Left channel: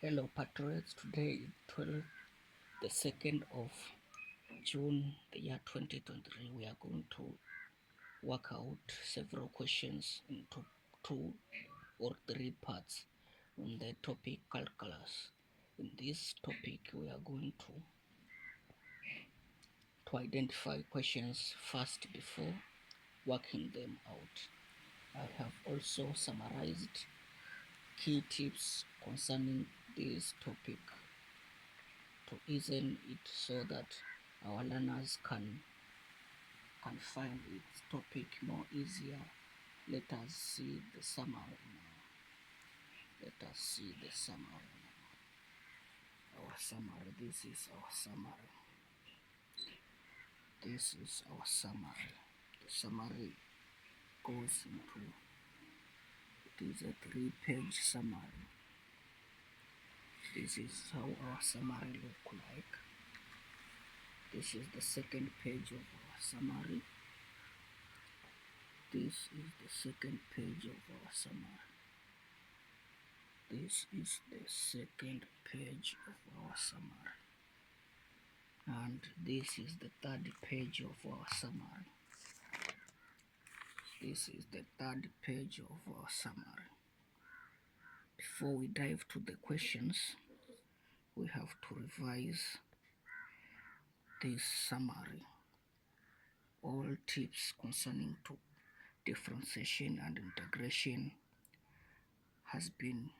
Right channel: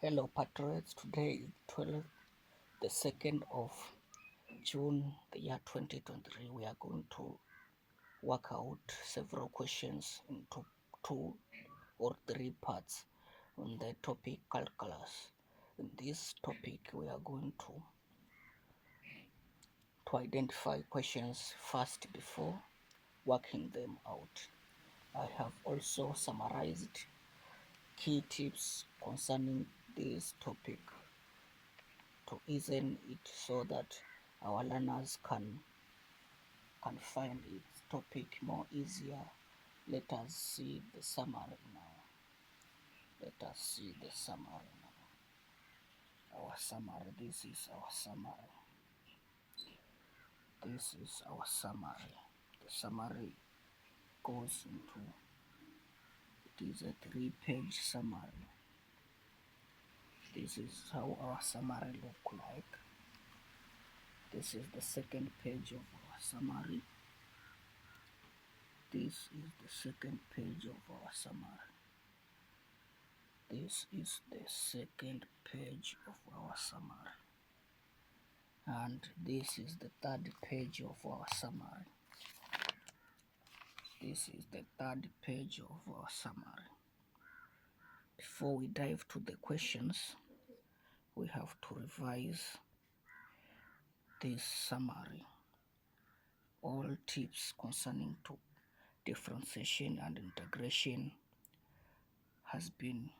Hello patriots, today is the 2nd of June, the year 2023. We are going to work out several questions into 2 or 3 parts on the topic calculus. In this topic, we are going to identify questions first before working them out. I have also summarized key tips concerning this topic to ease it so that our learners can find its topic more easier. Let us see the summary now. Let us see the summary now. Our summary. This is our summary. This is our summary. The summary goes into, it is a 3-page summary. This is how our summary look like. This is the 2nd page of our summary. This is the 2nd page of our summary. This is the 2nd page of our summary. And this is the 3rd page of our summary. This is the 3rd page of our summary. Before we dive to the questions, we have to revise this summary. All tips concerning to differentiation and integration has been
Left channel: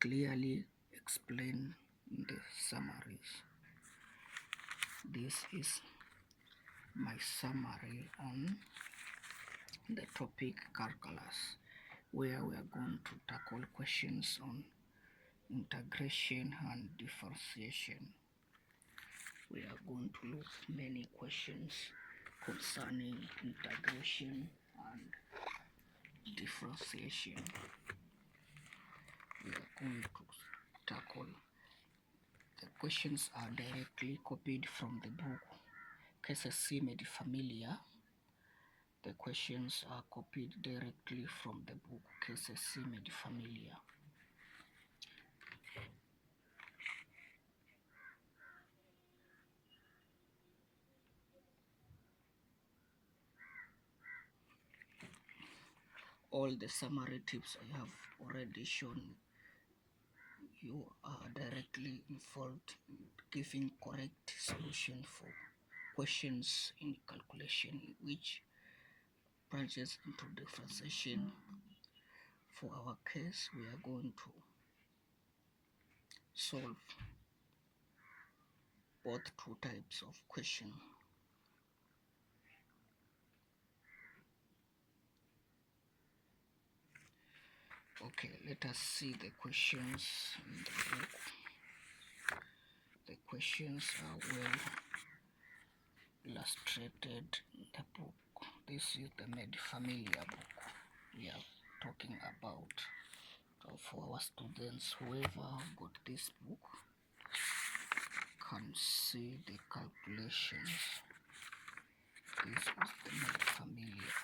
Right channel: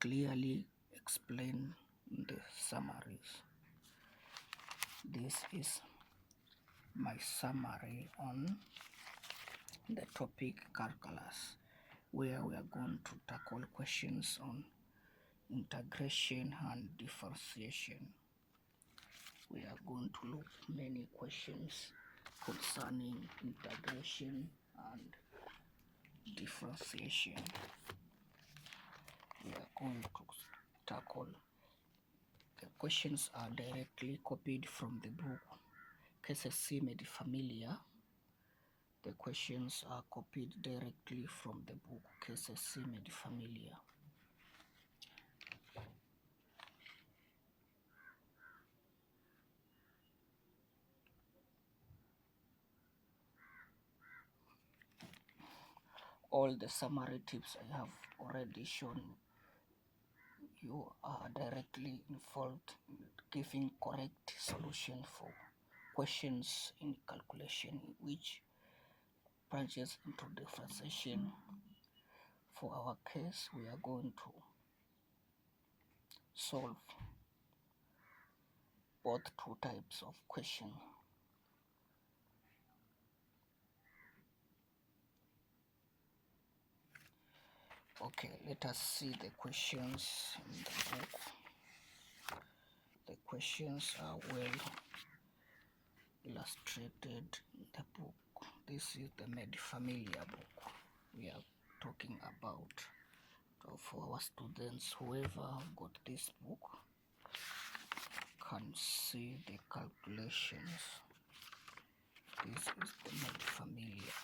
clearly explained in the summaries. This is my summary on the topic calculus, where we are going to tackle questions on integration and differentiation. We are going to look many questions concerning integration and differentiation. We are going to tackle the questions are directly copied from the book KCC Medifamilia. The questions are copied directly from the book KCC Medifamilia. All the summary tips I have already shown you are directly involved in giving correct solution for questions in calculation which branches into differentiation. For our case, we are going to solve both 2 types of question. Okay, let us see the questions in the book. The questions are well illustrated in the book. This is the Medifamilia book we are talking about. So for our students, whoever got this book can see the calculations. This is the Medifamilia.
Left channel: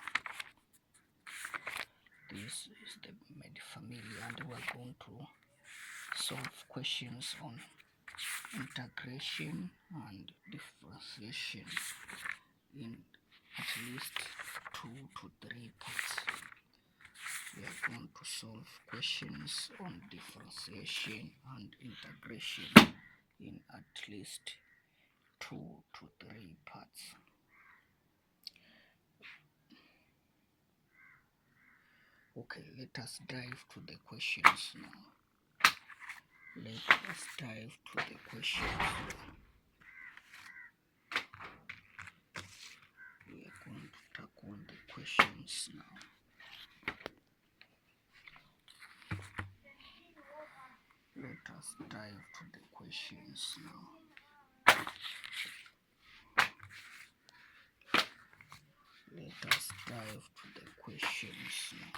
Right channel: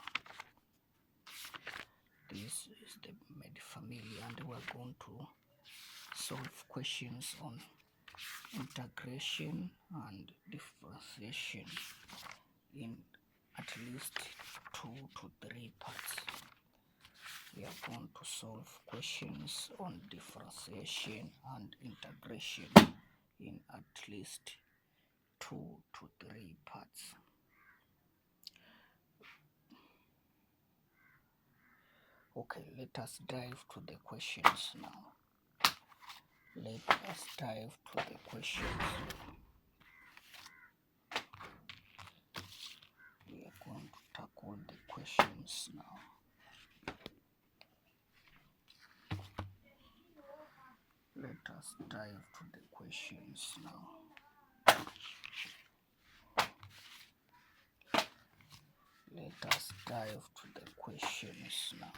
This is the Medifamilia, and we are going to solve questions on integration and differentiation in at least 2 to 3 parts. We are going to solve questions on differentiation and integration in at least 2 to 3 parts. Okay, let us dive to the questions now. Let us dive to the questions now. We are going to tackle the questions now. Let us dive to the questions now. Let us dive to the questions now.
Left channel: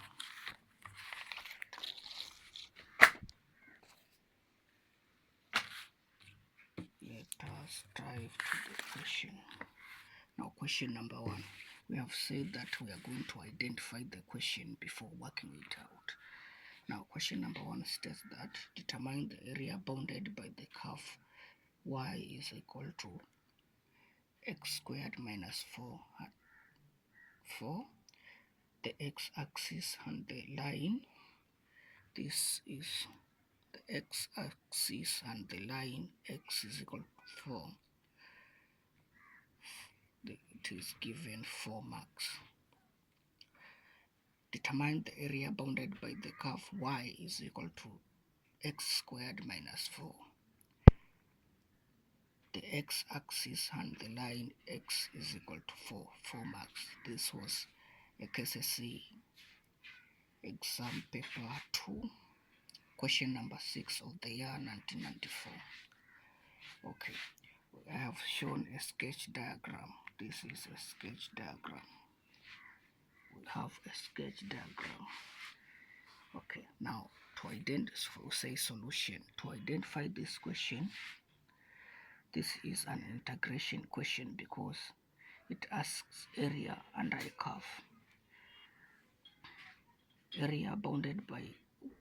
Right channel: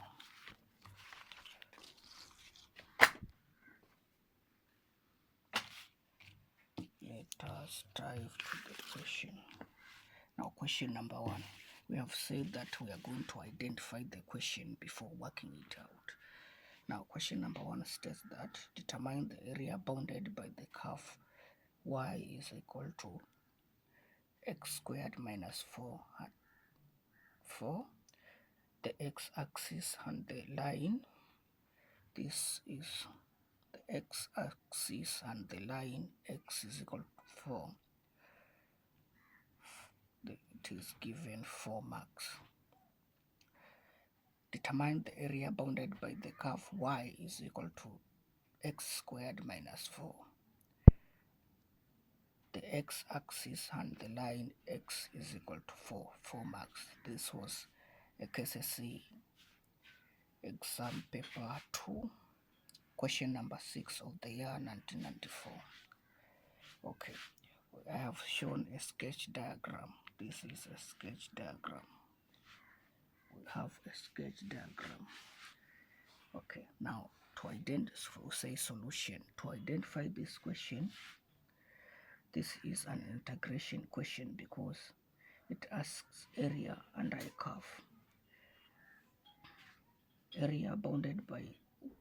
Let us dive to the question. Now, question number 1. We have said that we are going to identify the question before working it out. Now question number 1 states that determine the area bounded by the curve y is equal to x squared minus 4, the x-axis and the line. This is the x-axis and the line x is equal to 4. It is given 4 marks. Determine the area bounded by the curve y is equal to x squared minus 4. The x-axis and the line x is equal to 4 marks. This was a KCSE exam paper 2, question number 6 of the year 1994. Okay, I have shown a sketch diagram. This is a sketch diagram. We have a sketch diagram. Okay, now to identify solution. To identify this question, this is an integration question because it asks area under a curve. Area bounded by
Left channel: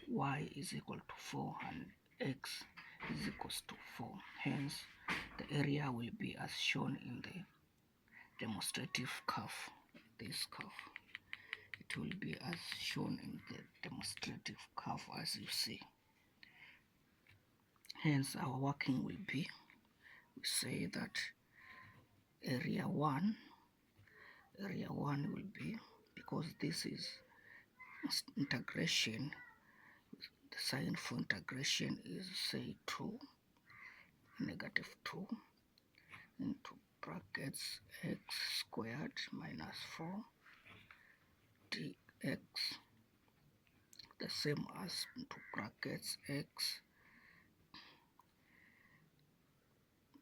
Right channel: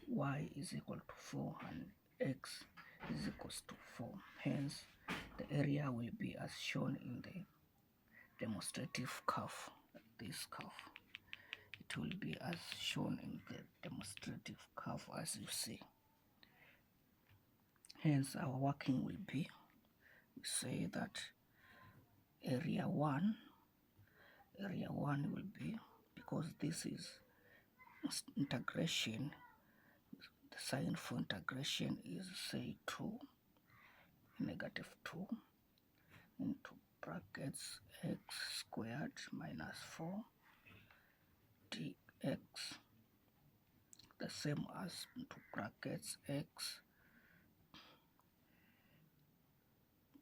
y is equal to 4 and x is equals to 4. Hence, the area will be as shown in the demonstrative curve. This curve. It will be as shown in the demonstrative curve as you see. Hence, our working will be, we say that area 1 will be, because this is integration, the sign for integration is say 2, negative 2 into brackets x squared minus 4 dx, the same as into brackets x,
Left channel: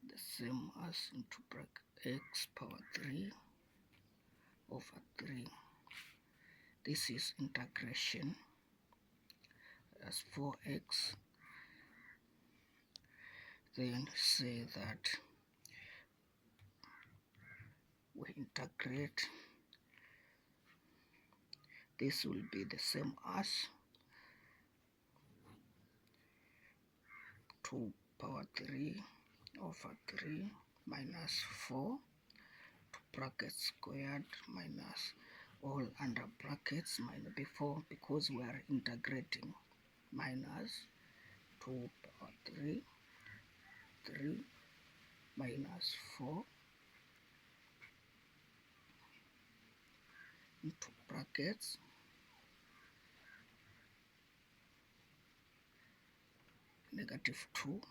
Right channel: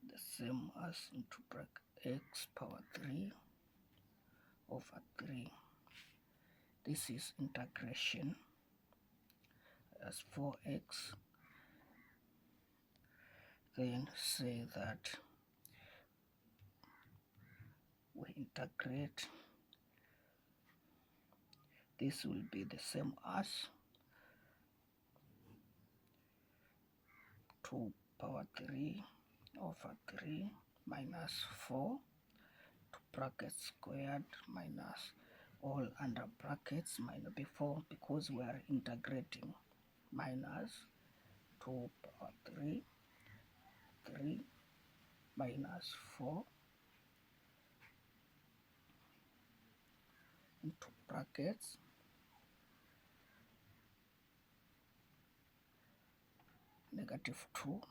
the same as into bracket x power 3 over 3. This is integration as 4x. Then say that we integrate, this will be the same as 2 power 3 over 3 minus 4 to bracket squared minus all under brackets minus before, because we are integrating, minus 2 power 3 minus 4 into brackets negative 2.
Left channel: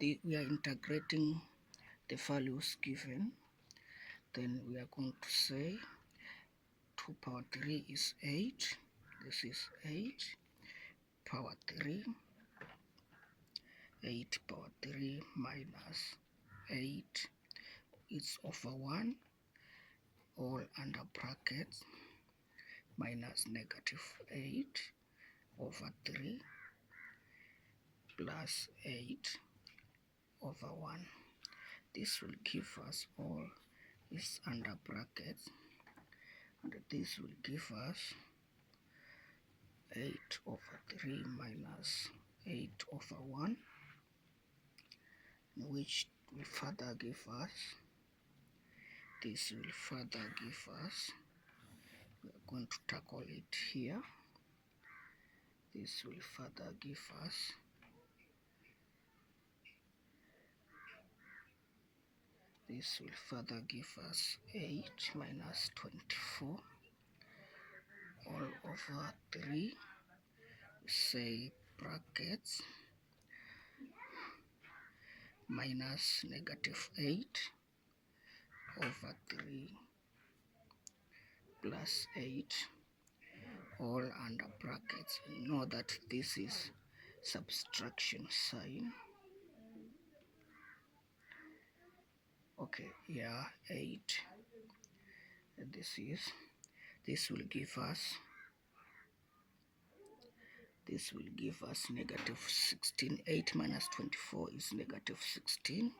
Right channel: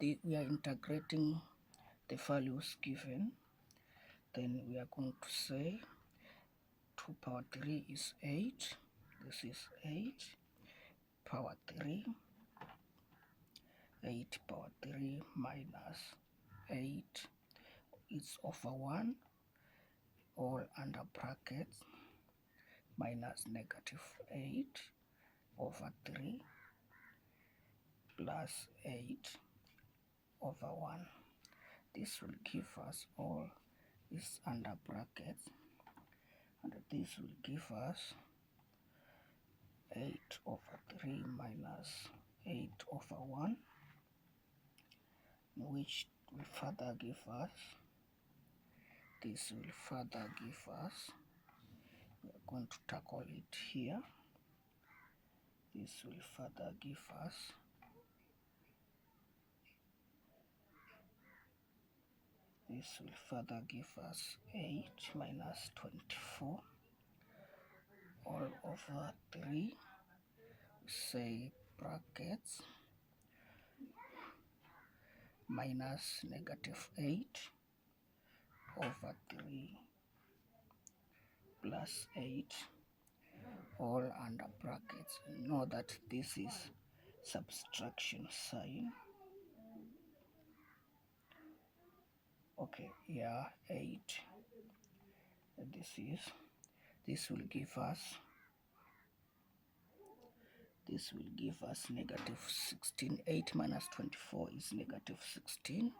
We are integrating the values given. Then we are going to say 2 power 3 is 8. This is 8 power 3. 8 power 3 minus 8 is over 1, all under brackets, minus negative 8 over 3 plus 8 over 1. This will give us all is under brackets, and this will give us 8 over 3 minus 8 over 1, which will further give us, this will further give us, we are going to tackle it here, this will further give us 8 minus 24 all over 3, say brackets, minus negative 8 over 3 plus 8 all under brackets. You know that this is subtraction sign. Okay, yeah, 8. And this will give us negative 16. 8 minus 24 is negative 16.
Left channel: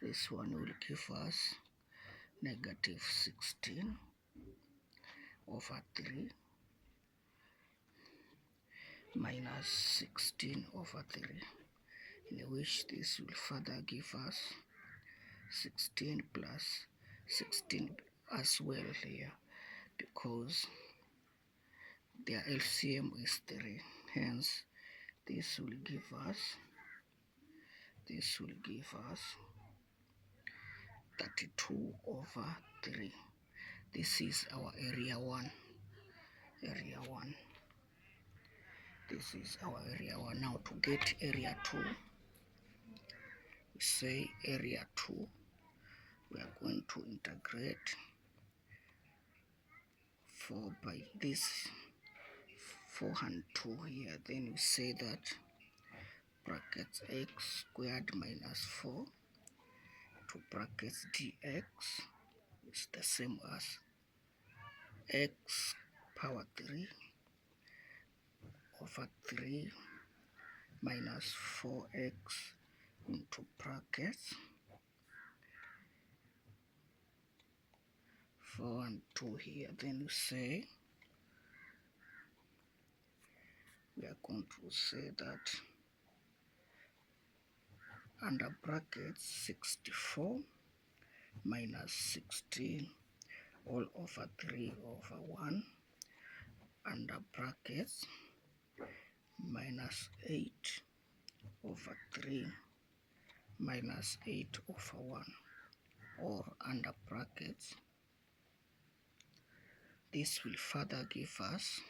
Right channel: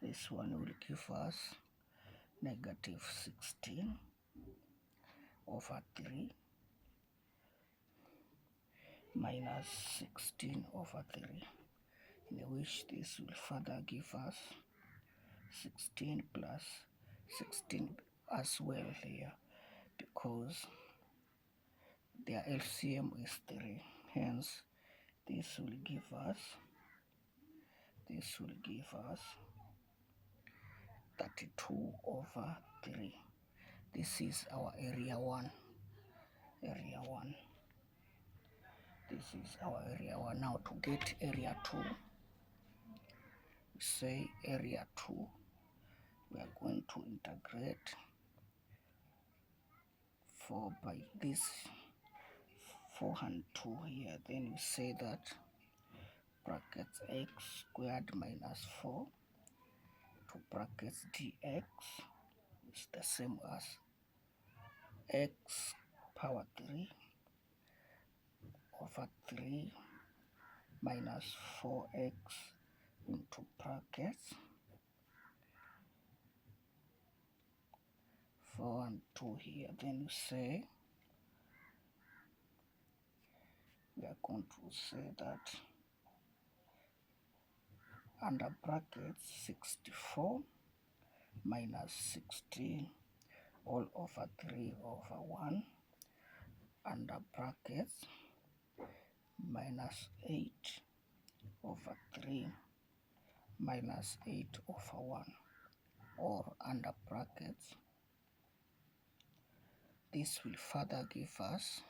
This one will give us negative 16 over 3 minus 16 over 3, in which this will further give us 16 plus 16 as well here, because their LCM is 3. Hence, this will give us 32 over 3. This is our area 1. This is our area 1. Now to get area 2, we say area 2, we are going to integrate 4 by this 4 and 2 here. Then we say that brackets x squared minus 4 to brackets dx is the same as x power 3 over 3 minus 4x into brackets 4 and 2 here. Then we say, we are going to say that under brackets 64 minus 16 all over 3 over 1 under brackets minus 8 over 3 minus 8 over 1, or under brackets, this will further give us,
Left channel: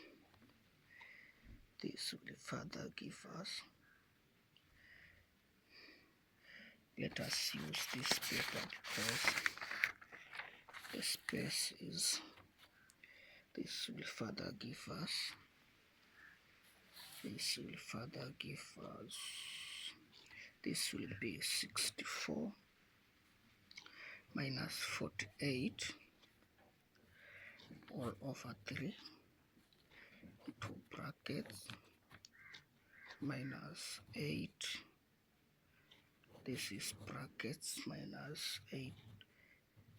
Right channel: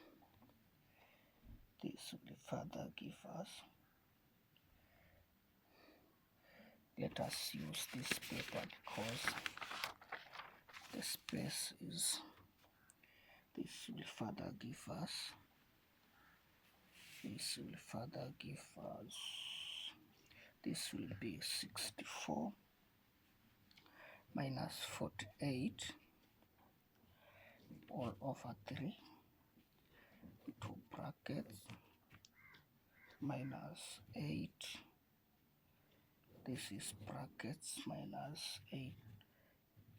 let us use this paper because the space is, this will further give us, this will be 64 minus 48 all over 3 into brackets minus 8, this is brackets minus 8,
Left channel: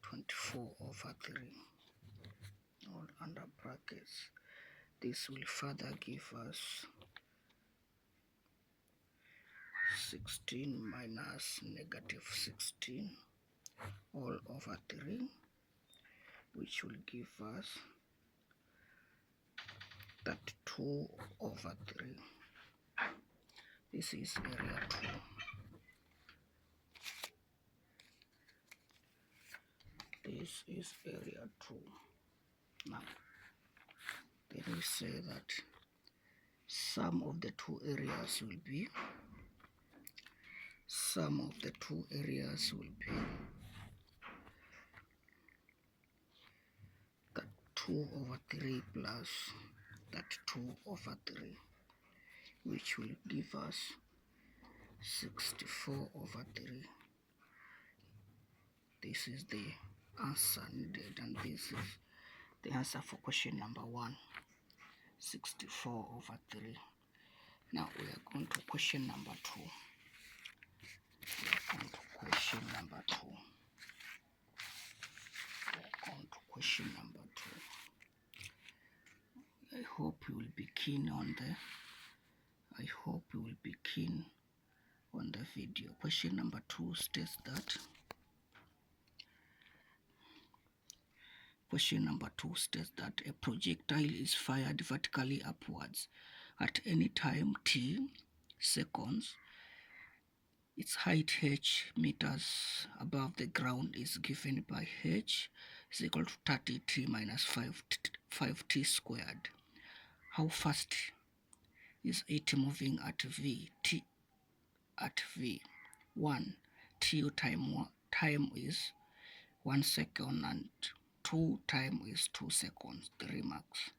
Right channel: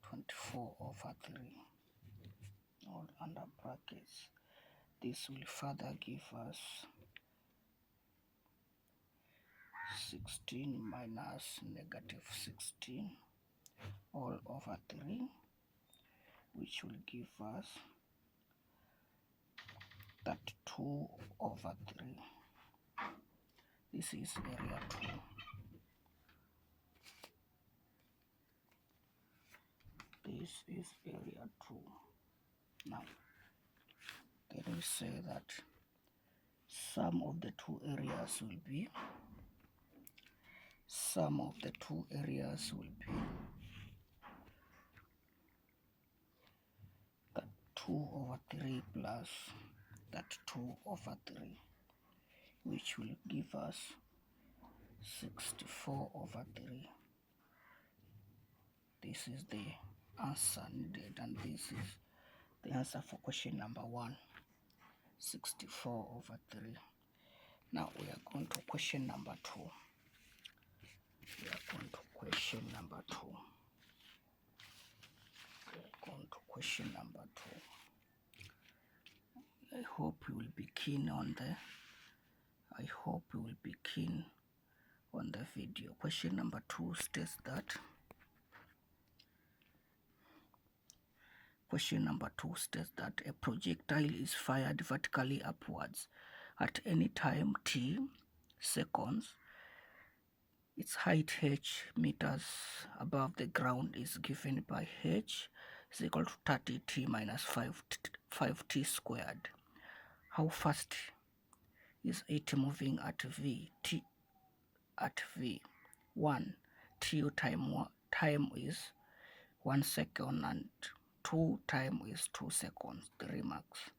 24 over 3 all under brackets. This will further give us 16 minus negative 16 all over 3, which will give us 32 over 3. This is area 2. This is area 2. Now, then we say that sum of the two areas will be, that 2 over 3 plus that 2 over 3, which will give us 64 over 3. This is the answer needed, and this is the answer for question number 1, 64 over 3. Now we are going to question number 2. I hope you will be keen on the video. Question number 2 states that a projectile is fired vertically upwards at any time t seconds. Its height h meters above the ground is given by h is equal to 30t minus 5t squared. How fast is it moving at v? At v. 1. T time is 1 second, and 2 time is 2 seconds. 3 marks.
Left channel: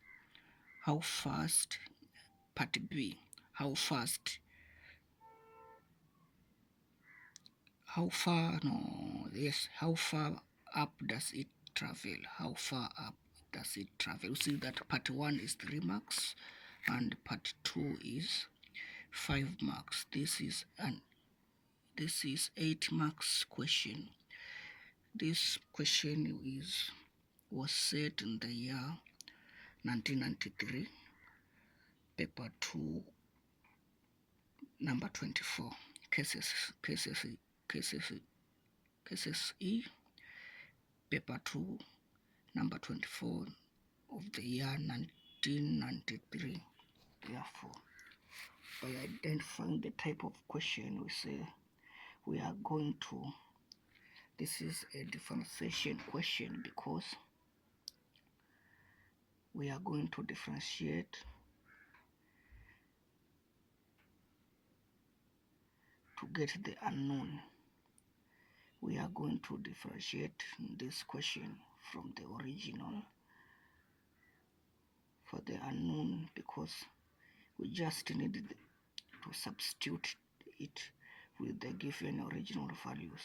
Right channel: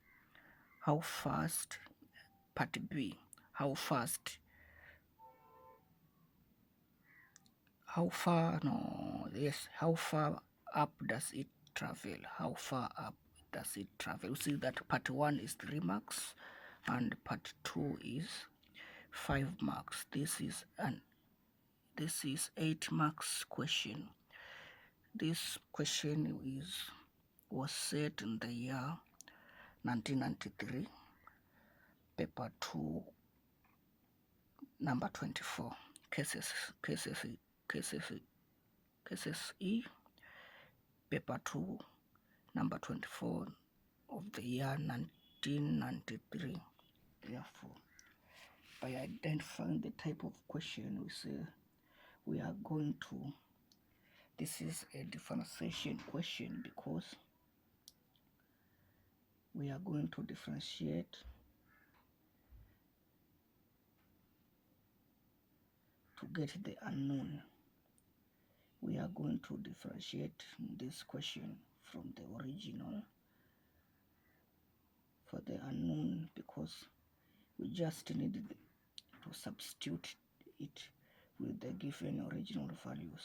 How fast, part B, how far up does it travel? How far up does it travel? You see that part 1 is 3 marks and part 2 is 5 marks. This is 8 marks question. This question was set in the year 1993, paper 2, Number 24, cases E, paper 2, number 24 of the year 1993. Therefore, by identifying the type of question, we say we are going to, this is a differentiation question because we are going to differentiate to get the unknown. We are going to differentiate this question from the original for the unknown because we just need to substitute it with the given original values.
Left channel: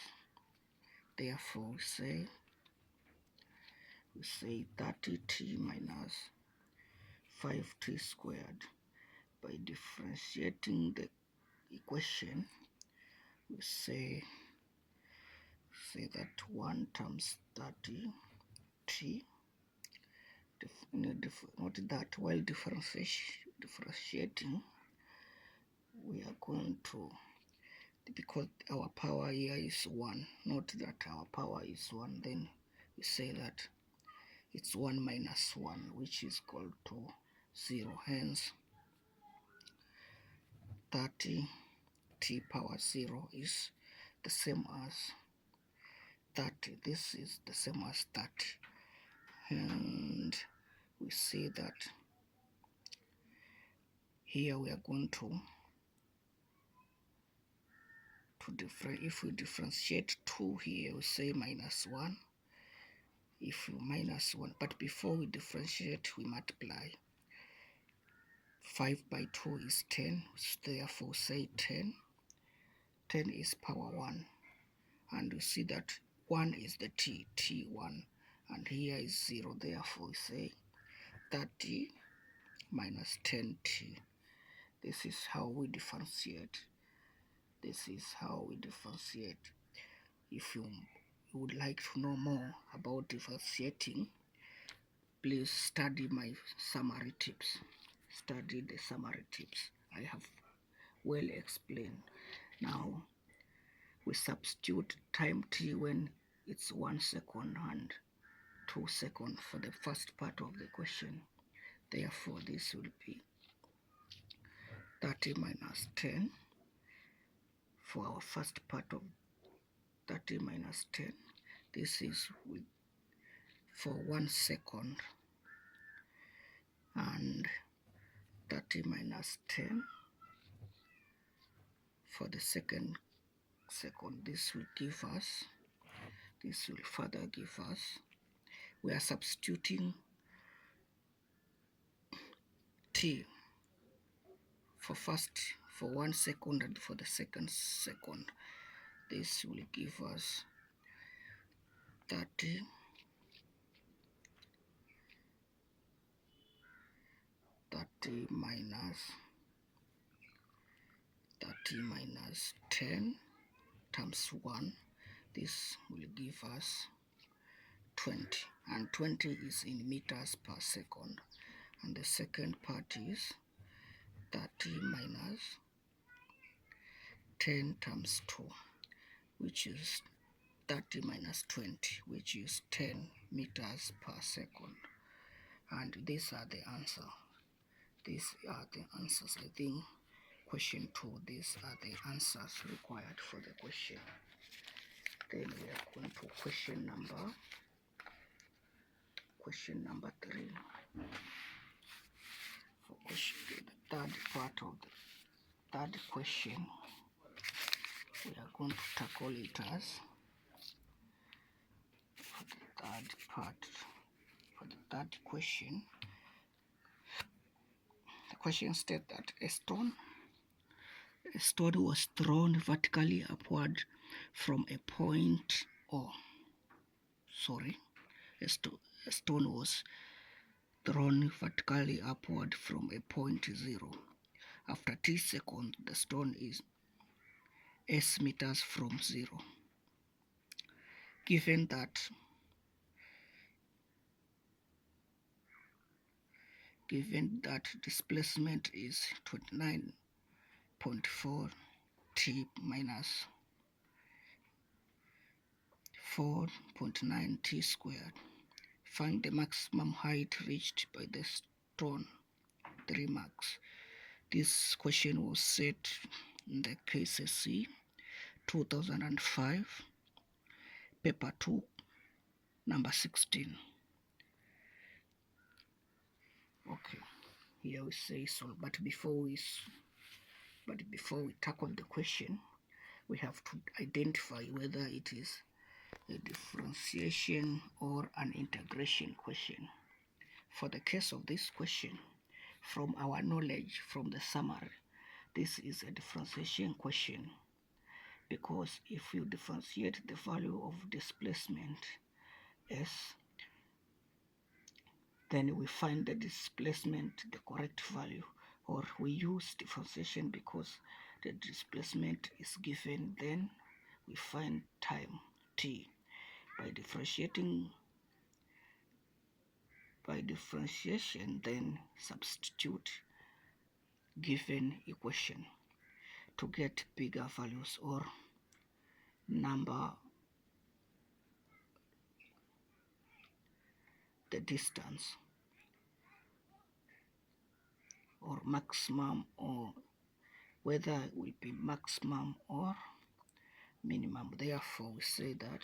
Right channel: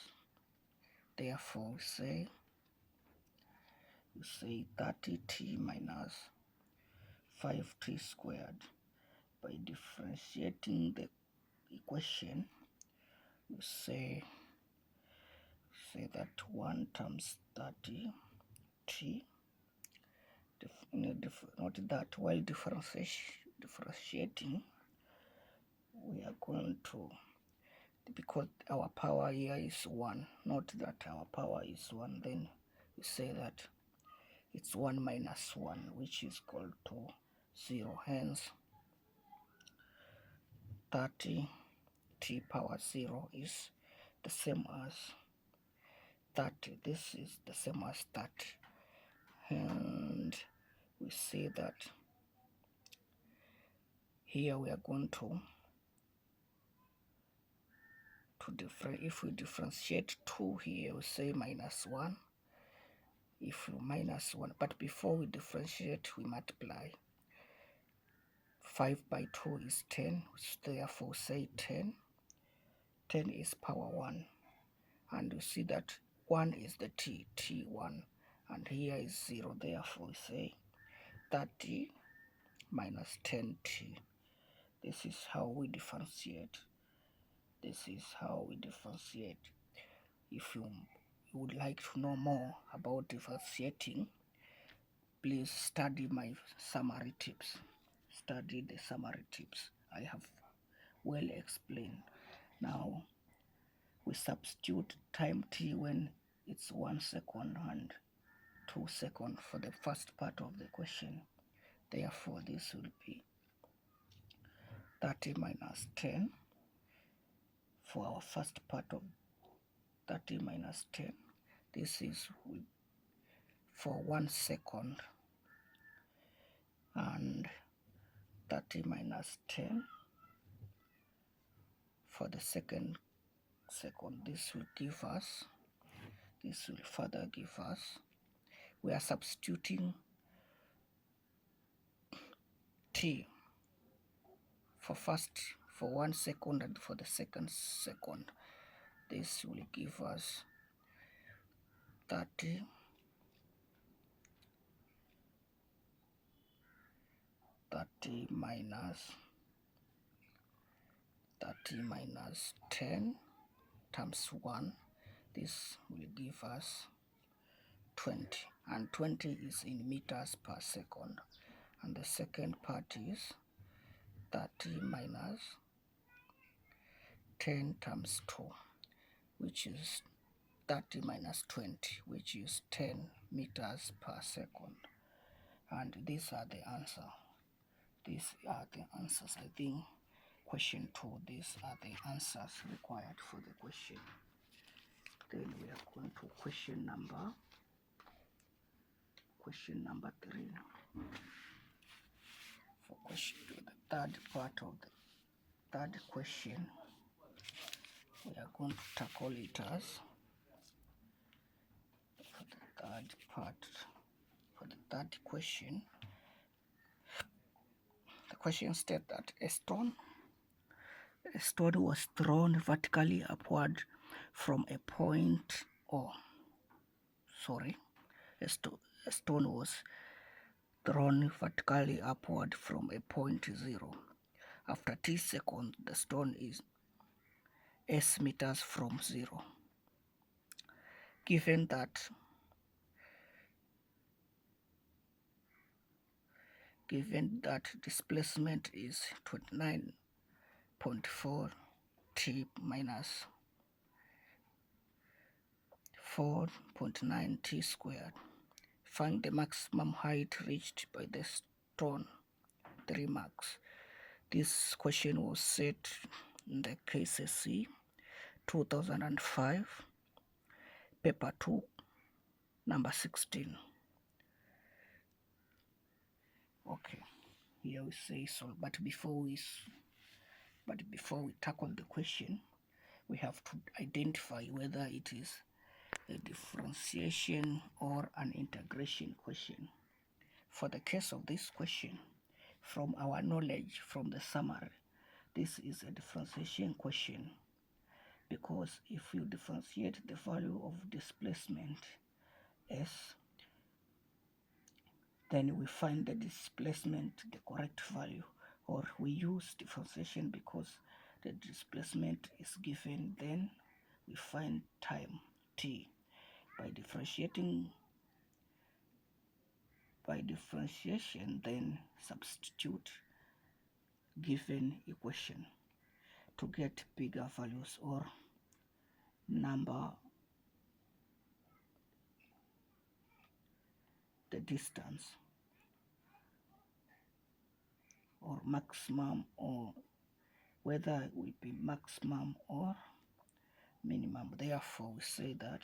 Therefore, we say 30t minus 5t squared. By differentiating the equation, we say that 1 times 30t, note that while differentiating, we are going to, because our power here is 1, note that our power is 1, then we say that it's 1 minus 1, which is equal to 0. Hence, 30t power 0 is the same as 30. This is the same as 30. And we see that here we are going to if we differentiate 2 here, we say minus 1. If you minus 1, but before we differentiate, we multiply. 5 by 2 is 10, therefore say 10. 10 is power 1. And you see that 1 is the t1, and here is 0, therefore we say 30 minus 10t. This is how we differentiate. This is how we differentiate. If you would like to know more about differentiating, please study my summary tips. Study the summary tips. I have well explained. Now we substitute time t when it's 1 second and 2 seconds for the first part of the question. Therefore, this will be 30 minus 10 for our first part of 30 minus 10. This is for 1 second, and 30 minus 10 for the second. This will give us, this will further give us, we are substituting t for 1 second and for the second second. This will give us 30 minus 10 times 1. This will give us 20, and 20 is in meters per second. And the second part is 30 minus 10 times 2, which is 30 minus 20, which is 10 meters per second. And these are the answers. These are the answers. I think question 2, these are the answers required for the question. Then we are going to question number 3. For question, the third part of the third question, we are going to tackle it as for the third part. For the third question, the question states that a stone was thrown vertically upward from a point O. A stone was thrown vertically upward from a point 0. After t seconds, the stone is s meters from 0. Given that displacement is 29 0.4 t minus 4.9 t squared. Find the maximum height reached by the stone. 3 marks. This question was set in the KCSE 2005, paper 2, number 16. Okay, here we say so, but before we tackle the question, we have to identify whether it is a differentiation or an integration question. For the case of this question, from our knowledge from the summary, this is a differentiation question, because if you differentiate the value of displacement S, then we find the displacement the correct value, or we use differentiation because the displacement is given, then we find time t by differentiation, then substitute given equation to get bigger values or number the distance or maximum, or whether it will be maximum or minimum. Therefore, we say that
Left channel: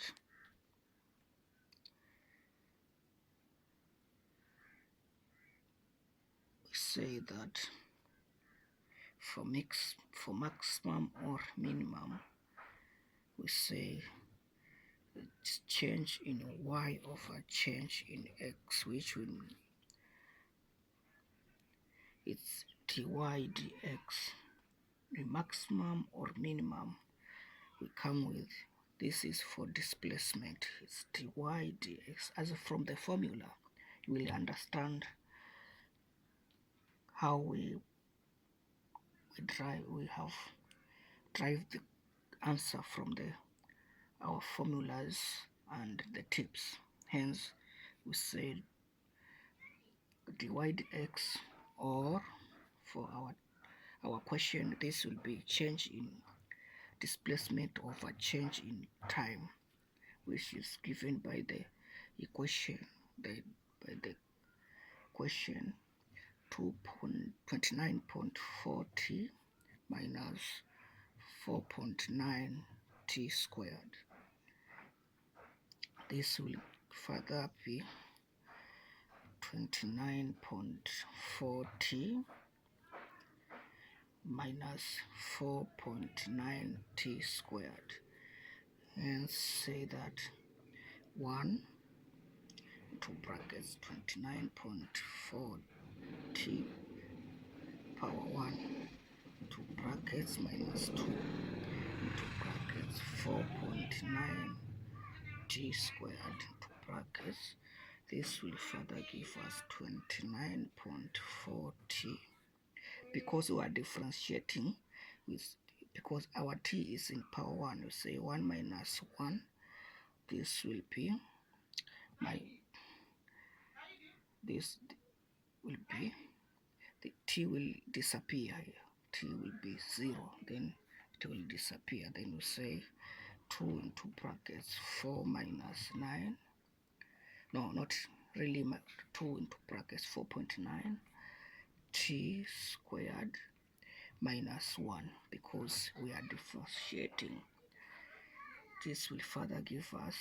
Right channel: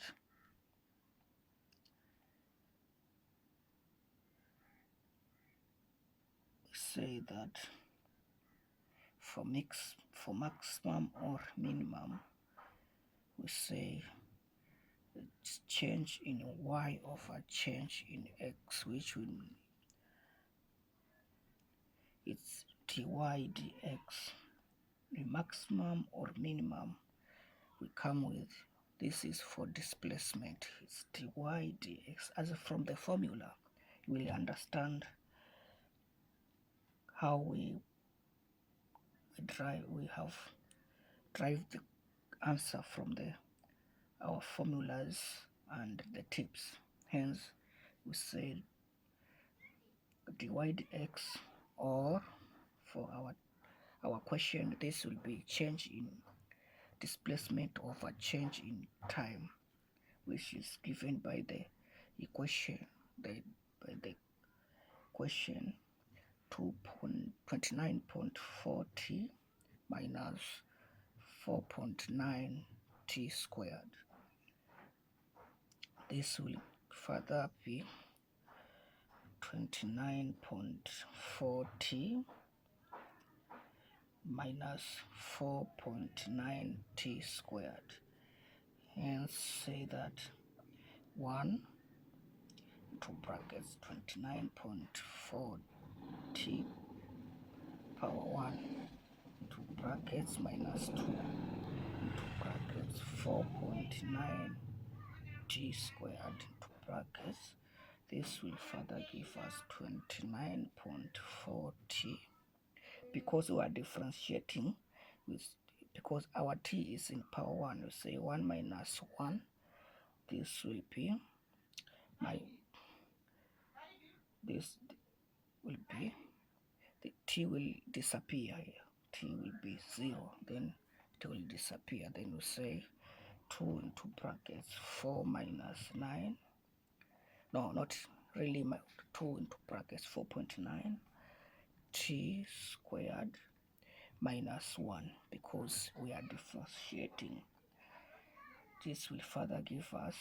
for maximum or minimum, we say it's change in y over change in x, which will it's dy dx. The maximum or minimum we come with, this is for displacement, it's dy dx. As from the formula, you will understand how we have derived the answer from our formulas and the tips. Hence, we said dy dx, or for our question, this will be change in displacement over change in time, which is given by the equation, by the question 29.4 t minus 4.9 t squared. This will further be 29.4 t minus 4.9 t squared, and say that 1 into brackets 29.4 t power 1 into brackets minus 2 into brackets 4.9 t squared into brackets. This will further give us 29.4 t. Because we are differentiating because our t is in power 1, we say 1 minus 1. This will be the t will disappear here. T will be 0, then it will disappear. Then we say 2 into brackets 4 minus 9. No, not really. 2 into brackets 4.9 t squared minus 1, because we are differentiating. This will further give us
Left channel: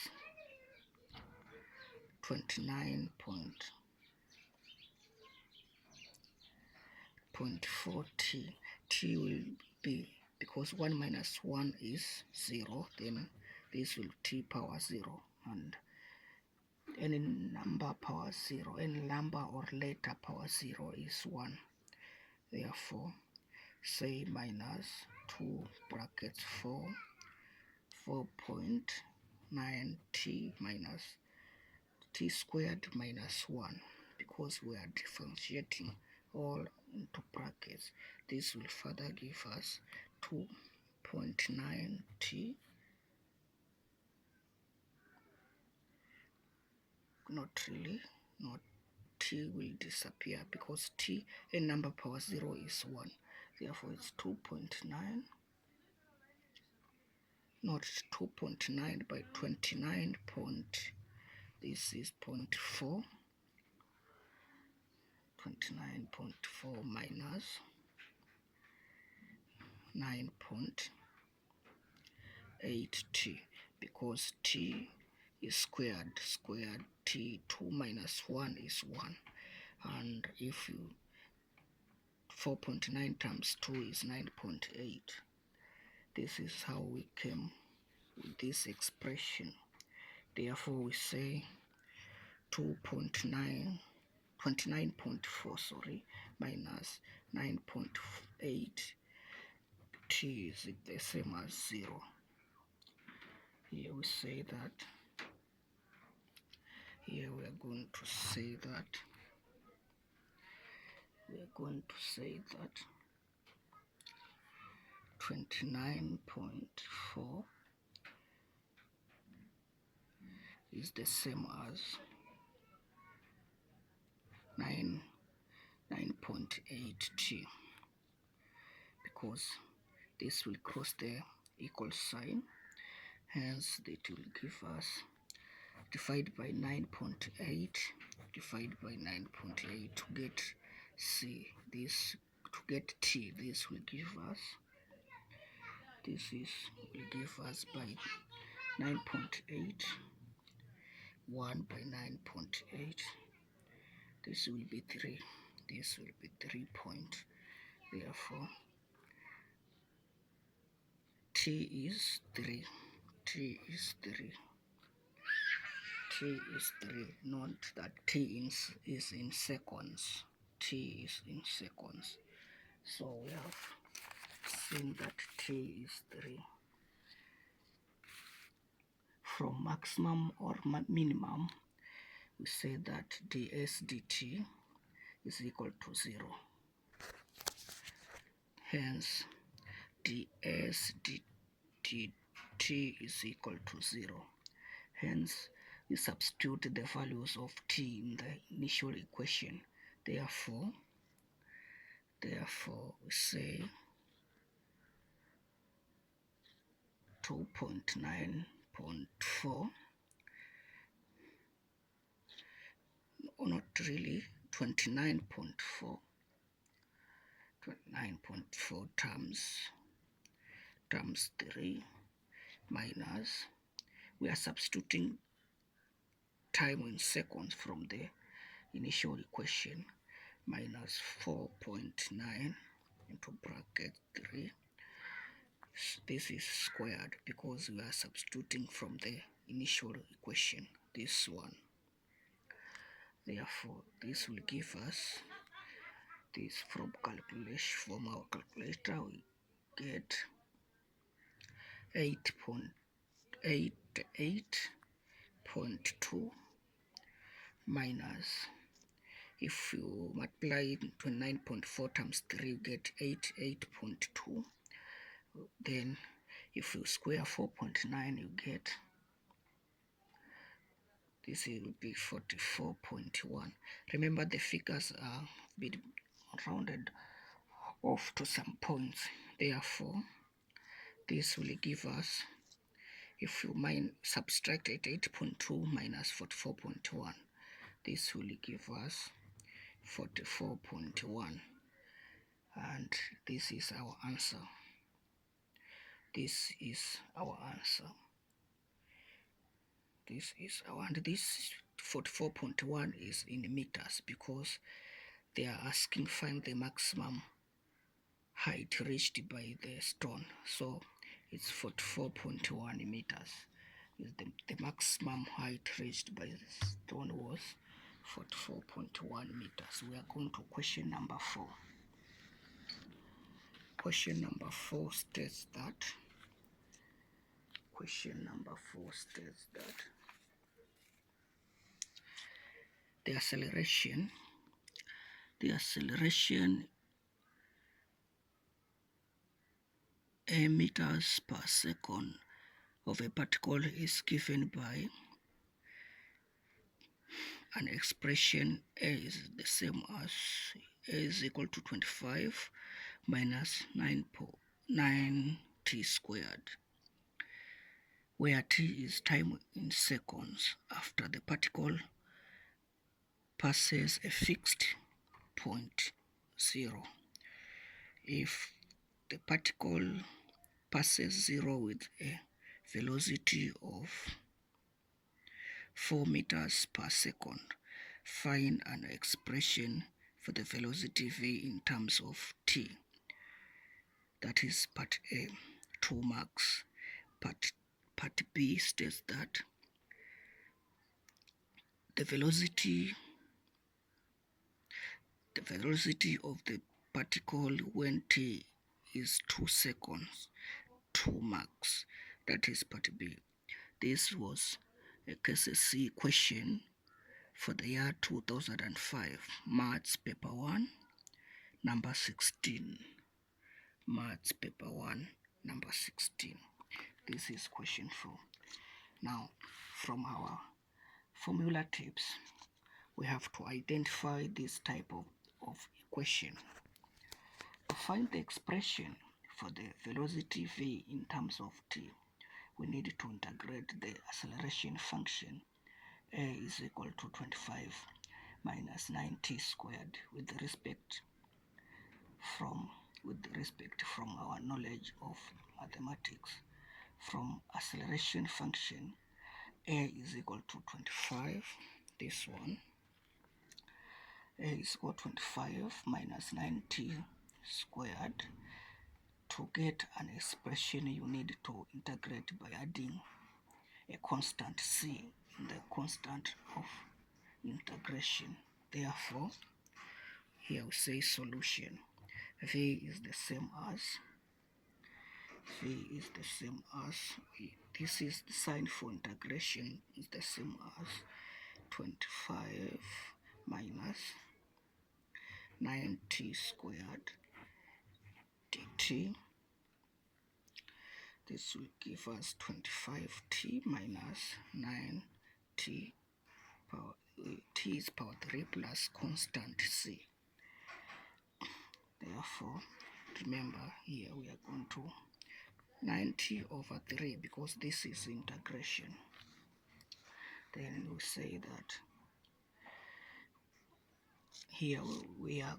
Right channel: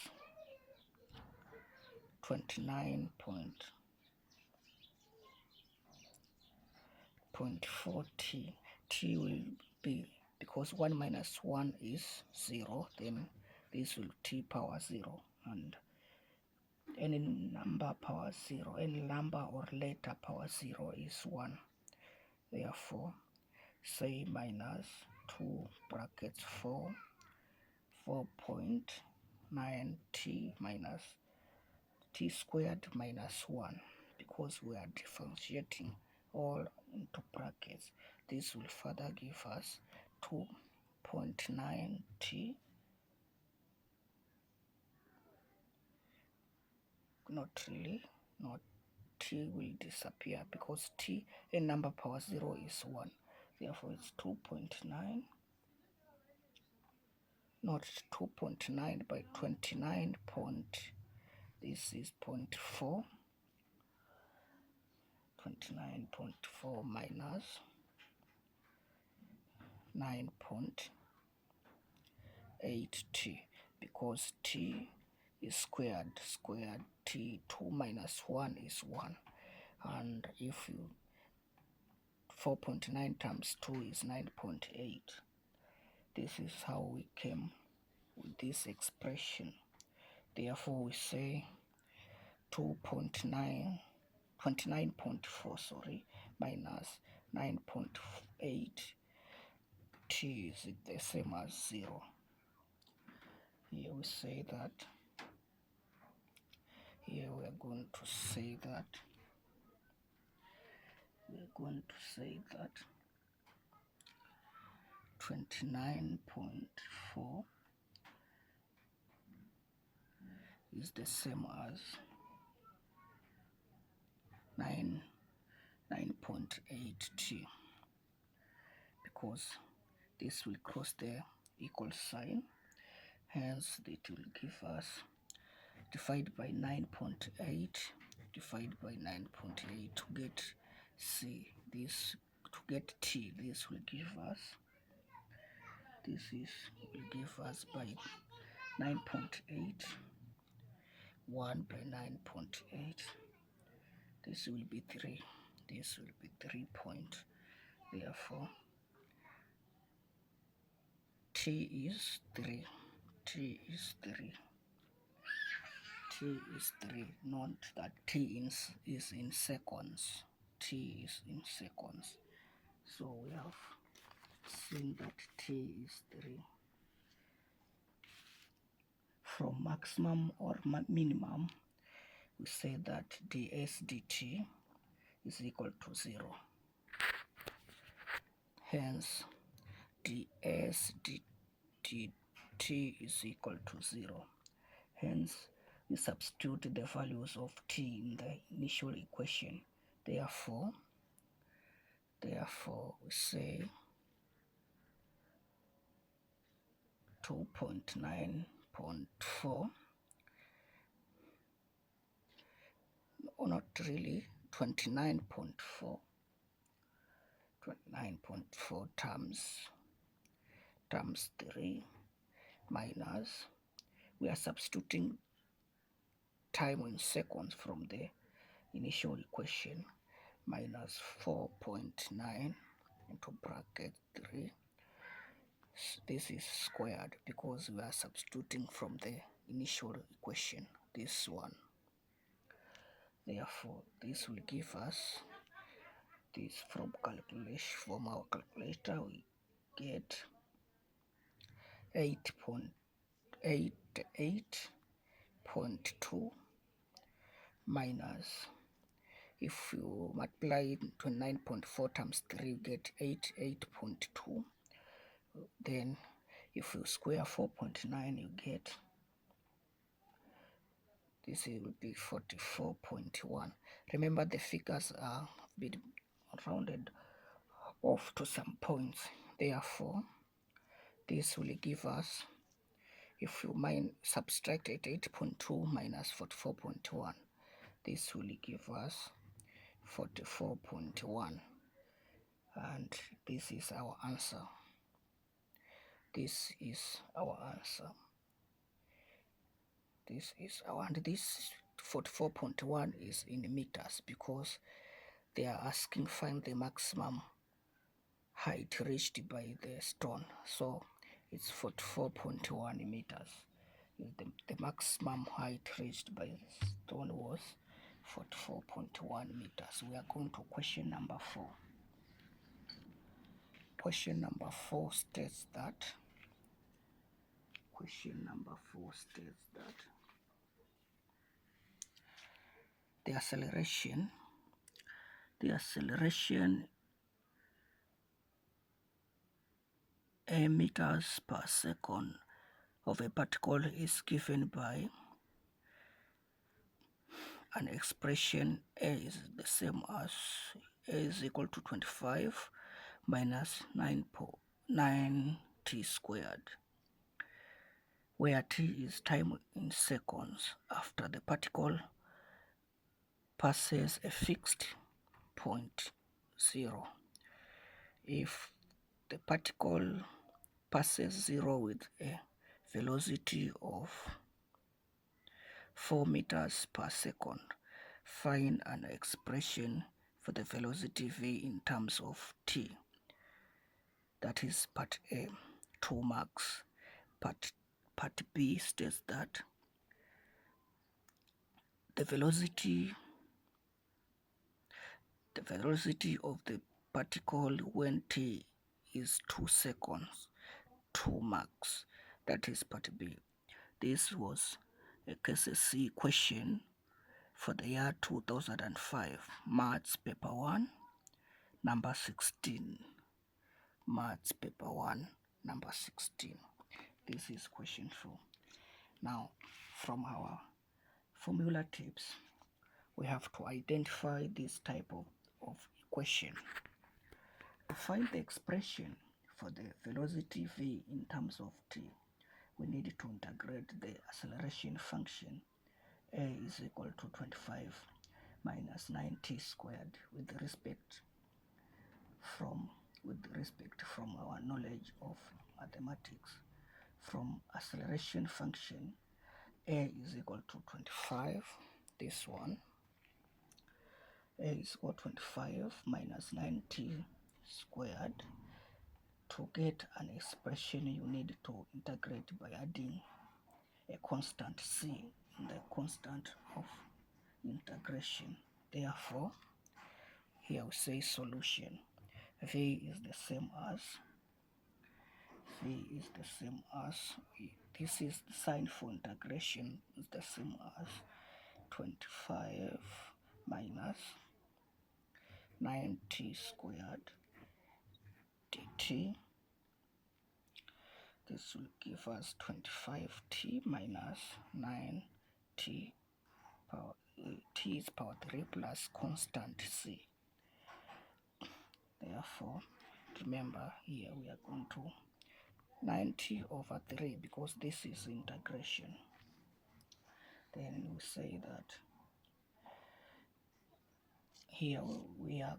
29.4 t. T will be, because 1 minus 1 is 0, then this will t power 0, and any number power 0, any number or letter power 0 is 1. Therefore, say minus 2 brackets 4.9 t minus t squared minus 1, because we are differentiating all into brackets. This will further give us 2.9 t, not t will disappear, because t, a number power 0 is 1. therefore it's 2.9, not 2.9 by 29 point, this is 0.4, 29.4 minus 9.8t, because t is squared, t, 2 minus 1 is 1, and if you 4.9 times 2 is 9.8. This is how we came with this expression. Therefore we say 29.4 minus 9.8 t is the same as 0. Here we say that, here we are going to say that 29.4 is the same as 9.8t, because this will cross the equal sign, hence it will give us divide by 9.8, divide by 9.8 to get c, this to get t, this will give us, will give us by 9.8, 1 by 9.8, this will be 3, this will be 3 point, therefore t is 3, t is 3, t is 3, not that t is in seconds, t is in seconds. So we have seen that t is 3. From maximum or minimum, we say that ds dt is equal to 0. Hence, ds dt is equal to 0. Hence, we substitute the values of t in the initial equation. Therefore, we say 2.9.4, or not really, 29.4 times 3 minus, we are substituting time in seconds from the initial equation, minus 4.9 into bracket 3. This is squared because we are substituting from the initial equation, this one. Therefore, this will give us this from our calculator, we get 8.2 minus, if you multiply it to 9.4 times 3, you get 8.2. Then if you square 4.9, you get, this will be 44.1. Remember, the figures are been rounded off to some points. Therefore, this will give us, if you subtract 8.2 minus 44.1, this will give us 44.1, and this is our answer. This is our answer. This is our, and this 44.1 is in meters because they are asking find the maximum height reached by the stone. So it's 44.1 meters. The maximum height reached by the stone was 44.1 meters. We are going to question number 4. Question number 4 states that the acceleration in meters per second of a particle is given by an expression a is the same as a is equal to 25 minus 9t squared, where t is time in seconds after the particle passes a fixed point 0. If the particle passes 0 with a velocity of 4 meters per second, find an expression for the velocity v in terms of t. That is part A, 2 marks. Part B states that the velocity of the particle when t is 2 seconds, 2 marks. That is part B. This was a KCSE question for the year 2005, Maths Paper 1, number 16. Maths Paper 1, number 16. This is question 4. Now, from our formula tips, we have to identify this type of equation. To find the expression for the velocity v in terms of t, we need to integrate the acceleration function. A is equal to 25 minus 9t squared with respect from our knowledge of mathematics. From acceleration function, A is equal to 25, this one. A is equal to 25 minus 9t squared. To get an expression, you need to integrate by adding a constant c in the constant of integration. Therefore, here we say solution. V is the same as this is the sign for integration, is the same as 25 minus 9t squared dt. This will give us 25t minus 9t power t is power 3 plus constant c. Therefore, remember here we are going to 90 over 3 because this is integration. Then we say that here we are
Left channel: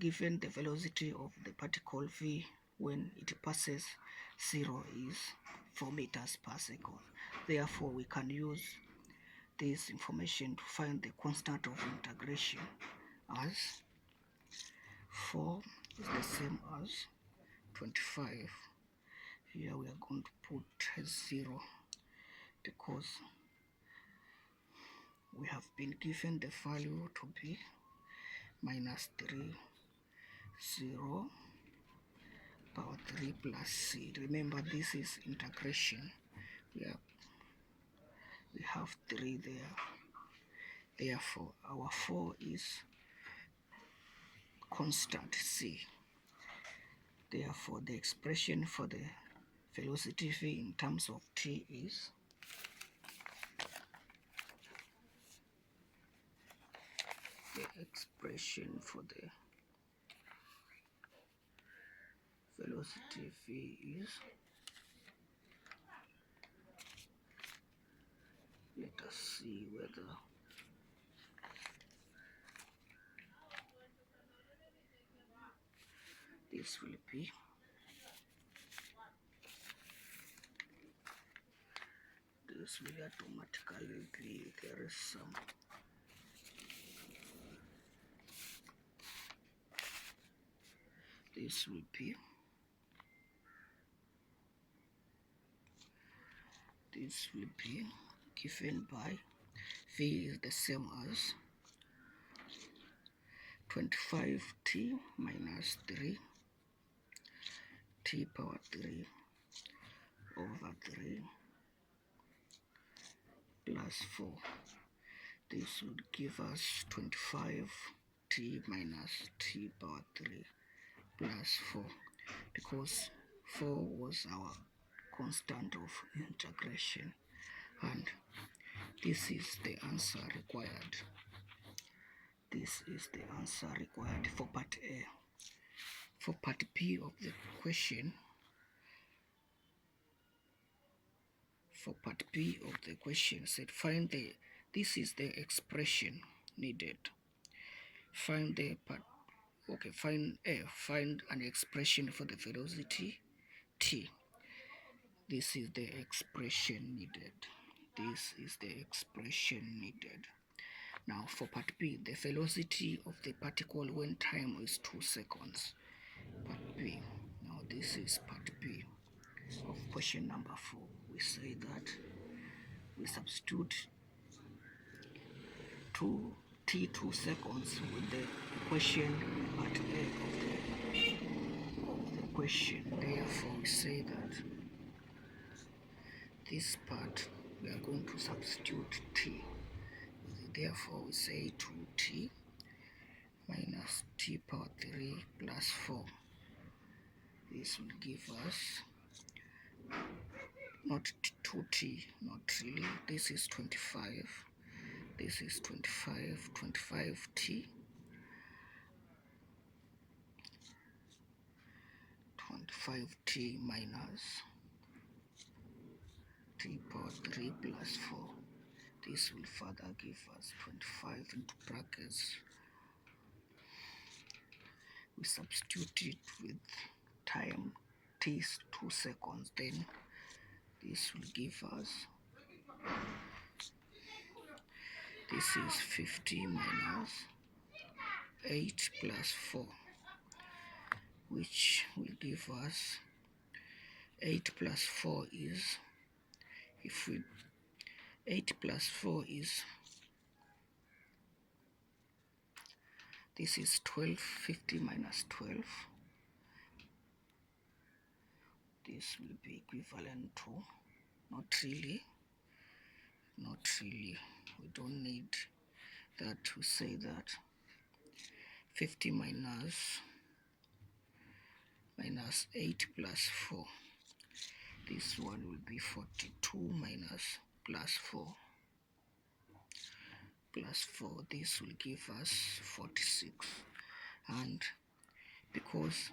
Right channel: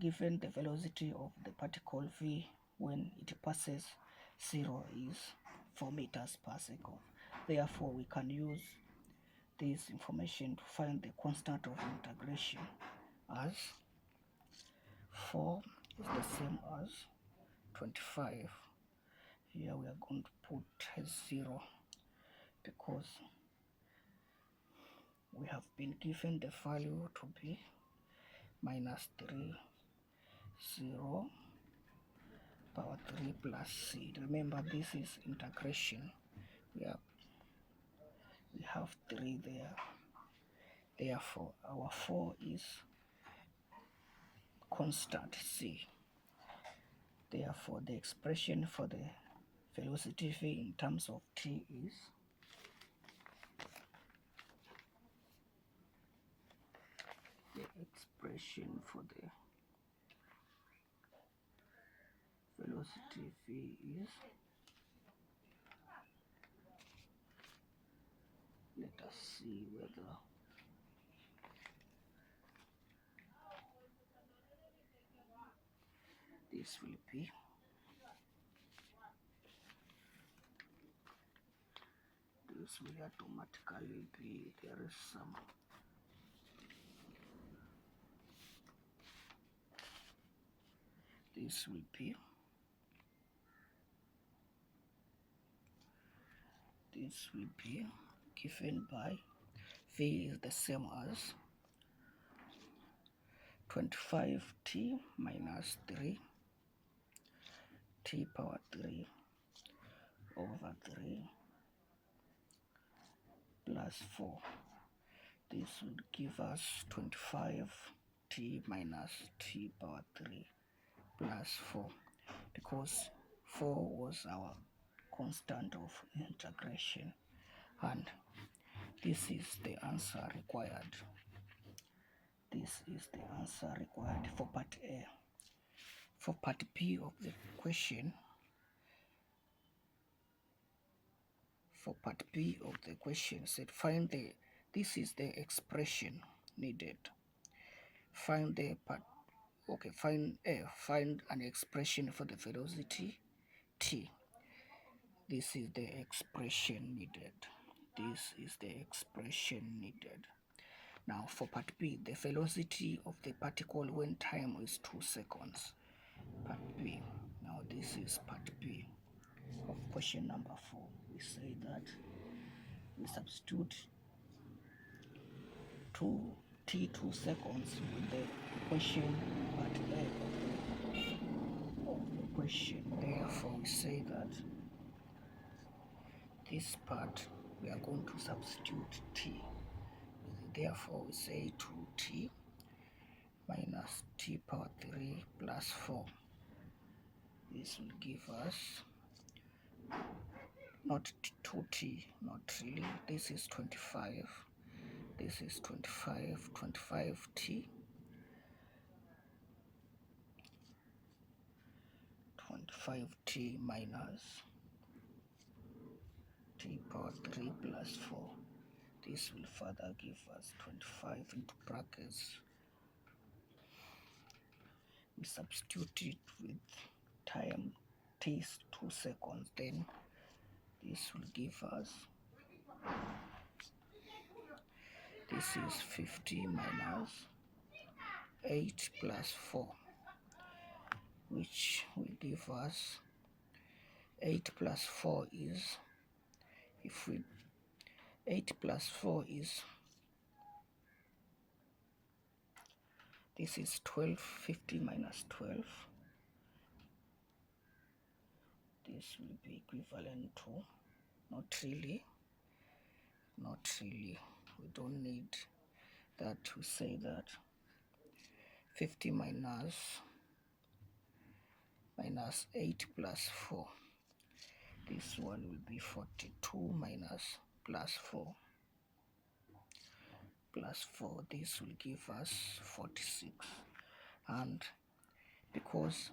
given the velocity of the particle v when it passes 0 is 4 meters per second. Therefore, we can use this information to find the constant of integration as 4 is the same as 25. Here we are going to put 0 because we have been given the value to be minus 3, 0, power 3 plus c. Remember, this is integration. We have 3 there. Therefore, our 4 is constant c. Therefore, the expression for the velocity v in terms of t is velocity v is, let us see whether this will be automatically be, there is some this will be given by v is the same as 25t minus 3 t power 3 over 3 plus 4. This would give us 25t minus t power 3 plus 4 because 4 was our constant of integration, and this is the answer required. This is the answer required for part A. For part B of the question, said find this is the expression needed. Find an expression for the velocity t. This is the expression needed. Now for part B, the velocity of the particle when time is 2 seconds. Part B. Now this is part B of question number 4. We say that we substitute 2 seconds with the equation part A of the question. Therefore, we say that this part we are going to substitute t. Therefore, we say 2t minus t power 3 plus 4. This will give us not 2t, not really. This is 25. This is 25t. 25t minus t power 3 plus 4. This will further give us 25 into brackets. We substitute it with time t is 2 seconds. Then this will give us, this is 50 minus 8 plus 4, which will give us 8 plus 4 is, 8 plus 4 is, this is 12, 50 minus 12. This will be equivalent to, not really, we don't need that. We say that 50 minus 8 plus 4. This one will be 42 minus plus 4. This will give us 46. And because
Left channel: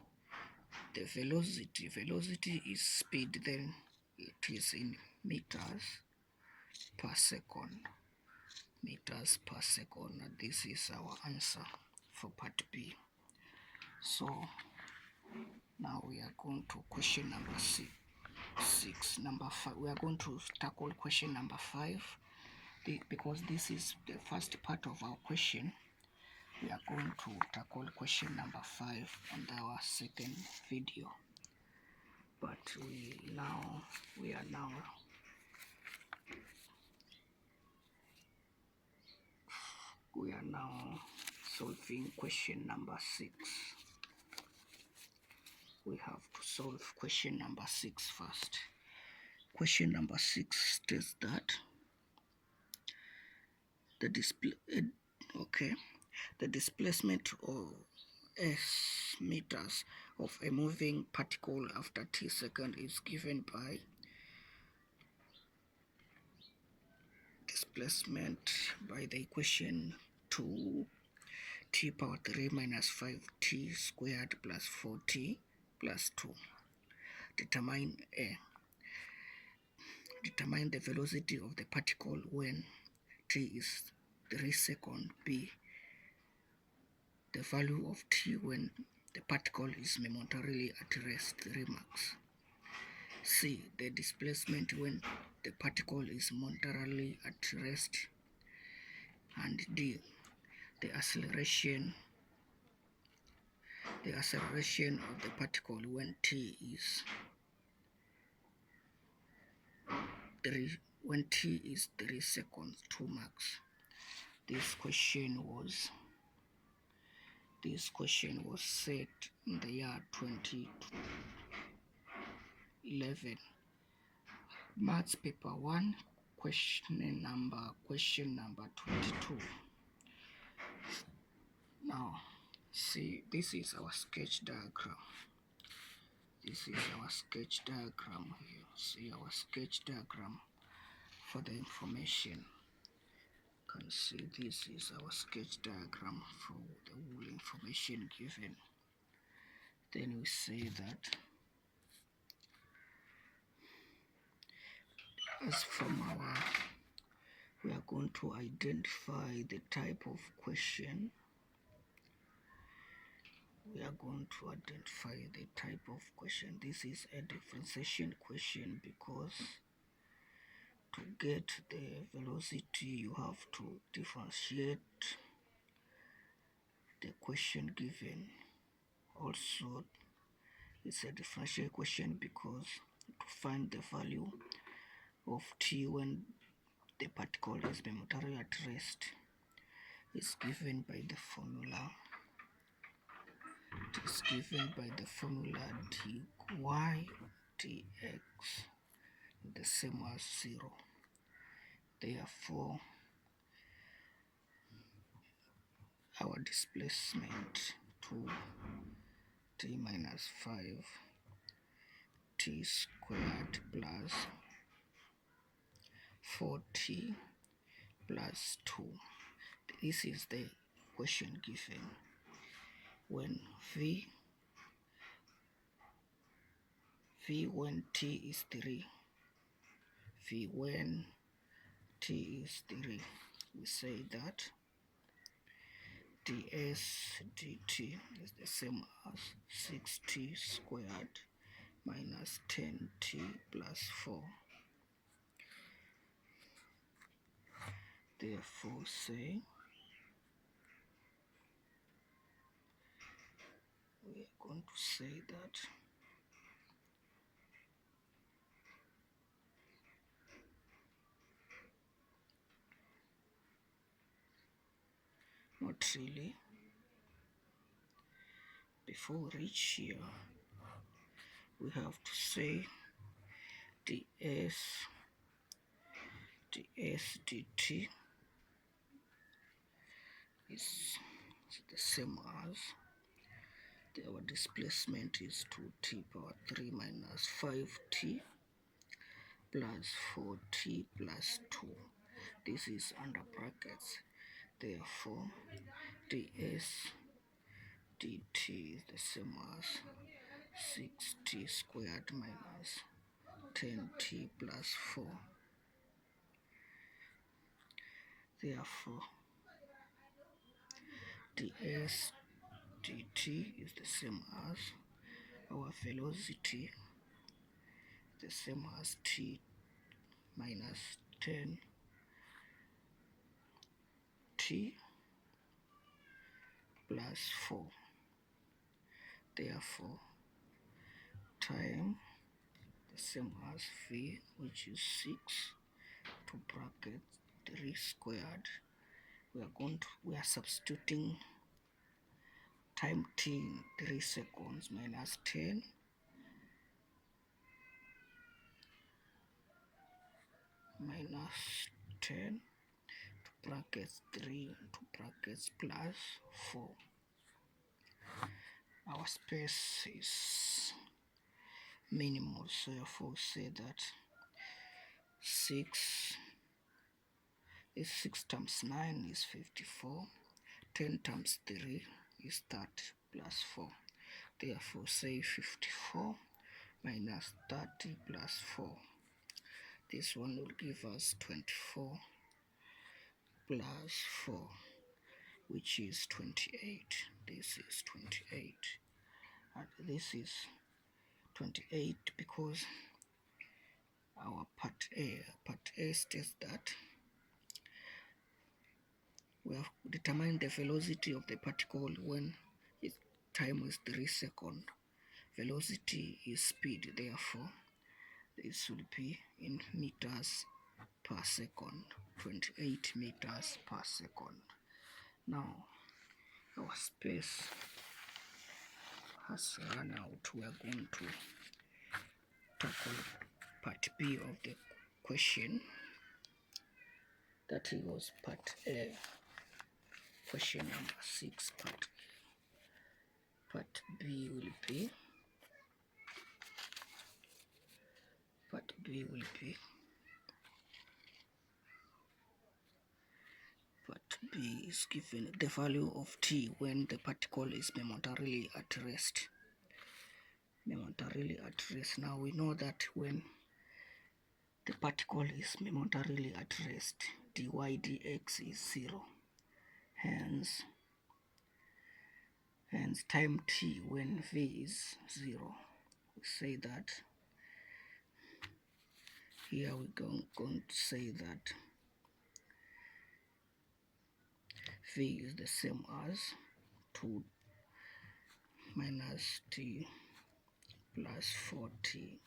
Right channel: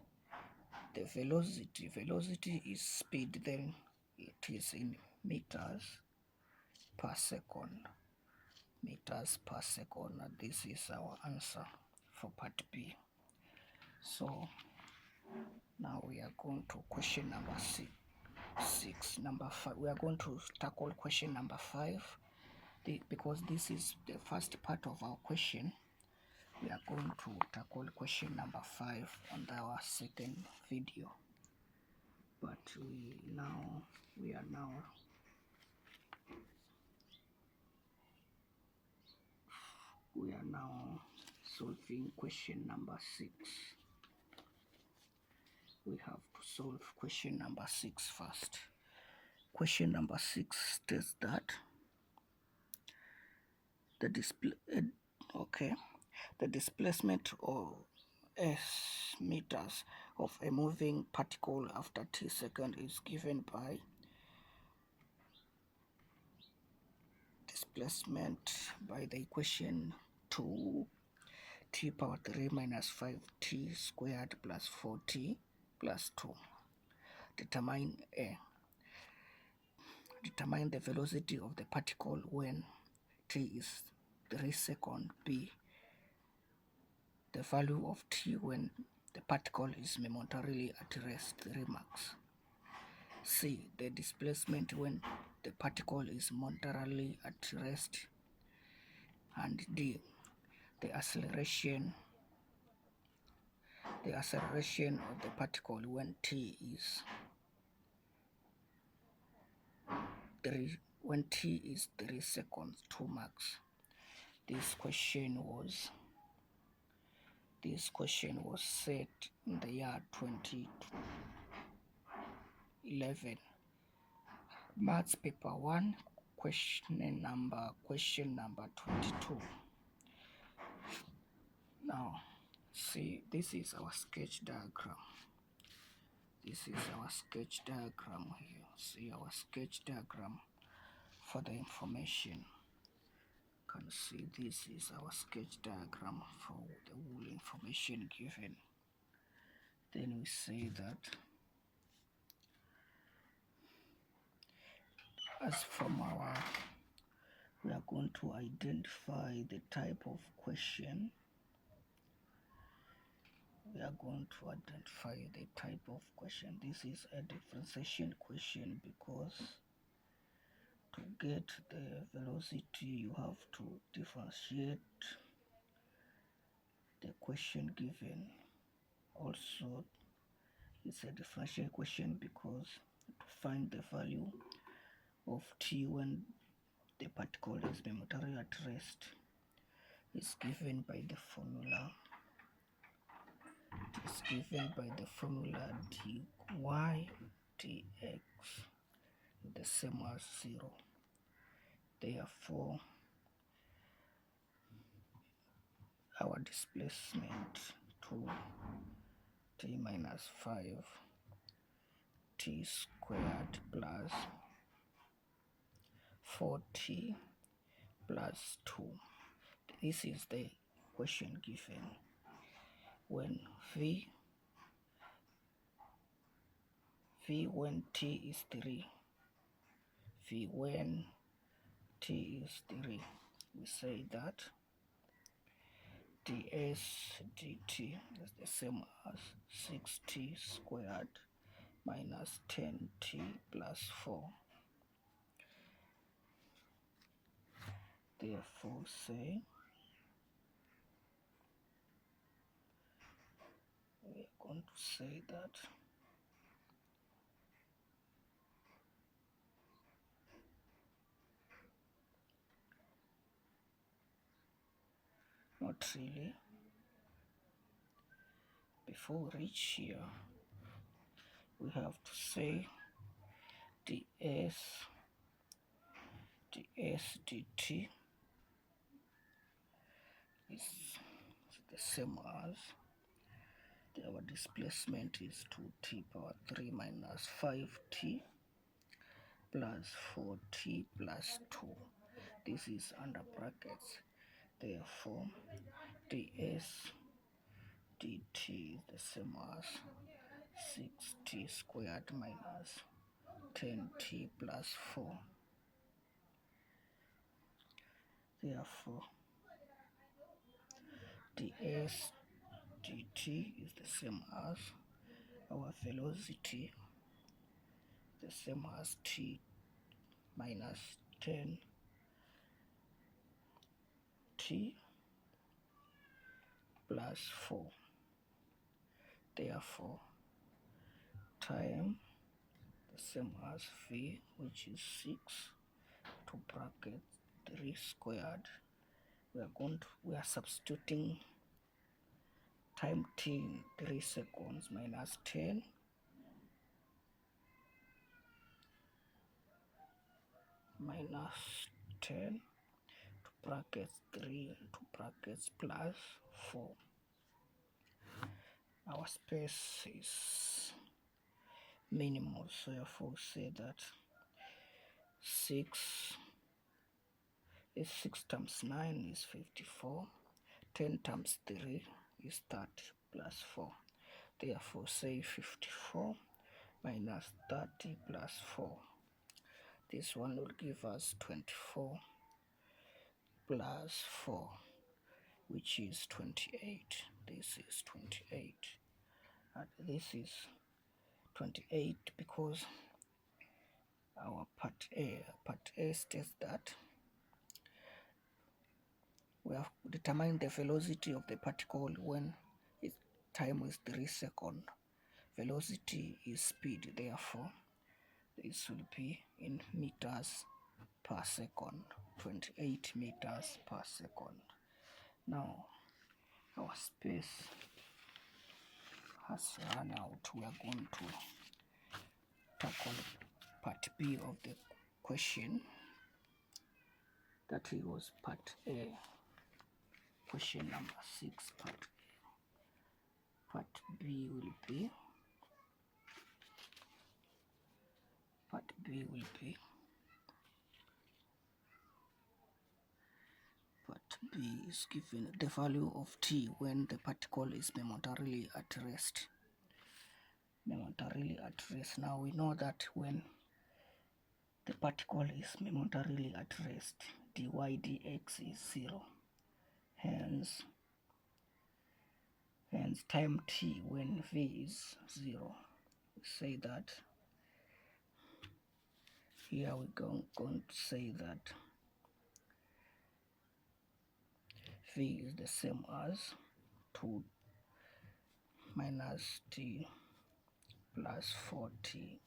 the velocity is speed, then it is in meters per second. And this is our answer for part B. So now we are going to question number 6. Number 5. We are going to tackle question number 5. Because this is the first part of our question, we are going to tackle question number 5 on our second video. But we are now solving question number 6. We have to solve question number 6 first. Question number 6 states that the displacement of s meters of a moving particle after t seconds is given by displacement by the equation 2 t power 3 minus 5t squared plus 4t plus 2. Determine the velocity of the particle when t is 3 seconds. B, the value of t when the particle is momentarily at rest, 3 max. C, the displacement when the particle is momentarily at rest. And D, the acceleration of the particle when t is 3 seconds, 2 max. This question was set in the year 2011. Maths paper 1, question number 22. Now, see, this is our sketch diagram. Here. See our sketch diagram for the information. You can see this is our sketch diagram for the whole information given. Then we say that as from we are going to identify the type of question. We are going to identify the type of question. This is a differentiation question because to get the velocity you have to differentiate the question given. Also, it's a differential question because to find the value of t when the particle is momentarily at rest is given by the formula. It is given by the formula dy dx the same as 0. Therefore, our displacement to t minus 5 t squared plus 4t plus 2. This is the question given when v when t is 3. V when t is 3, we say that ds dt is the same as 6t squared minus 10t plus 4. Therefore, we are going to say that not really. Before we reach here, we have to say ds dt is the same as our displacement is 2t power 3 minus 5t plus 4t plus 2. This is under brackets. Therefore, ds dt is the same as 6t squared minus 10t plus 4. Therefore, ds dt is the same as our velocity, the same as t minus 10t plus 4. Therefore, time the same as v, which is 6 to bracket 3 squared. We are substituting time t in 3 seconds minus 10 minus 10 to brackets 3 to brackets plus 4. Our space is minimal, so therefore say that 6 times 9 is 54, 10 times 3 is 30 plus 4. Therefore say 54 minus 30 plus 4. This one will give us 24 plus 4, which is 28. This is 28. And this is 28 because our part A states that we have determined the velocity of the particle when its time is 3 seconds. Velocity is speed, therefore this will be in meters per second, 28 meters per second. Now our space has run out. We are going to tackle part B of the question. That was part A, question number 6. Part B will be is given the value of t when the particle is momentarily at rest. momentarily at rest. Now we know that when the particle is momentarily at rest, dy dx is 0. Hence time t when v is 0. We say that here we're going to say that v is the same as 2 minus t plus 4t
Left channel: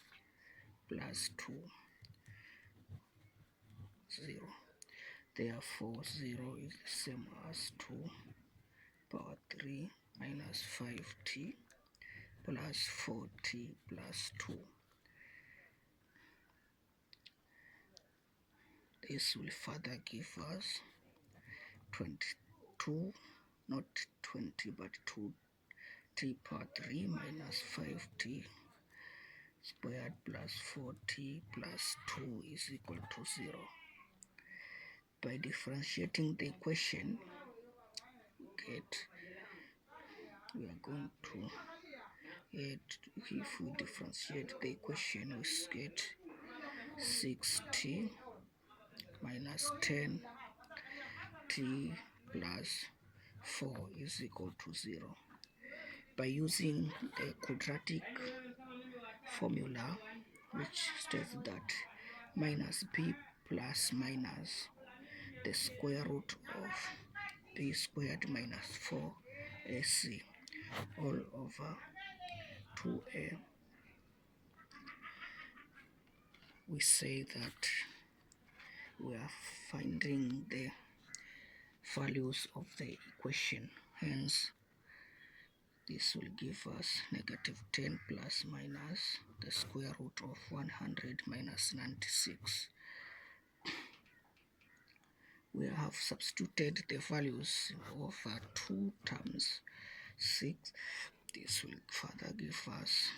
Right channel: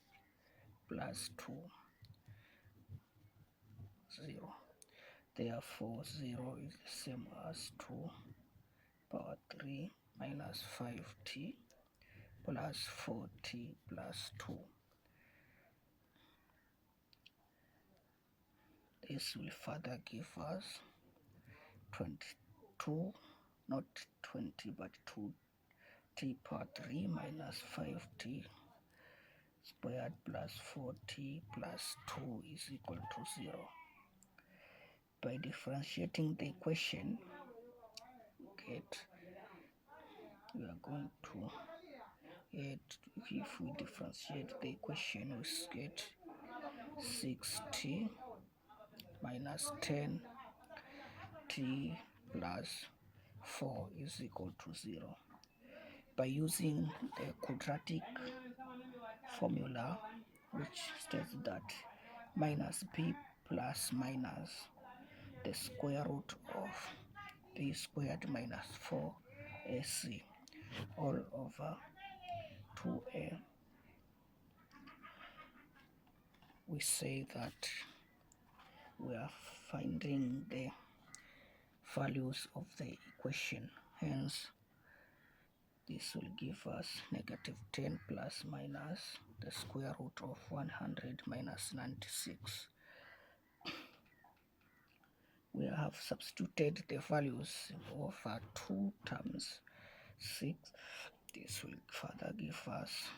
plus 2, 0. Therefore 0 is the same as 2 power 3 minus 5t plus 4t plus 2. This will further give us 22, not 20, but 2t power 3 minus 5t squared plus 4t plus 2 is equal to 0. By differentiating the equation, we are going to get, if we differentiate the equation, we get 6t minus 10t plus 4 is equal to 0. By using the quadratic formula, which states that minus b plus minus the square root of b squared minus 4ac all over 2a, we say that we are finding the values of the equation. Hence, this will give us negative 10 plus minus the square root of 100 minus 96. We have substituted the values of two terms, 6. This will further give us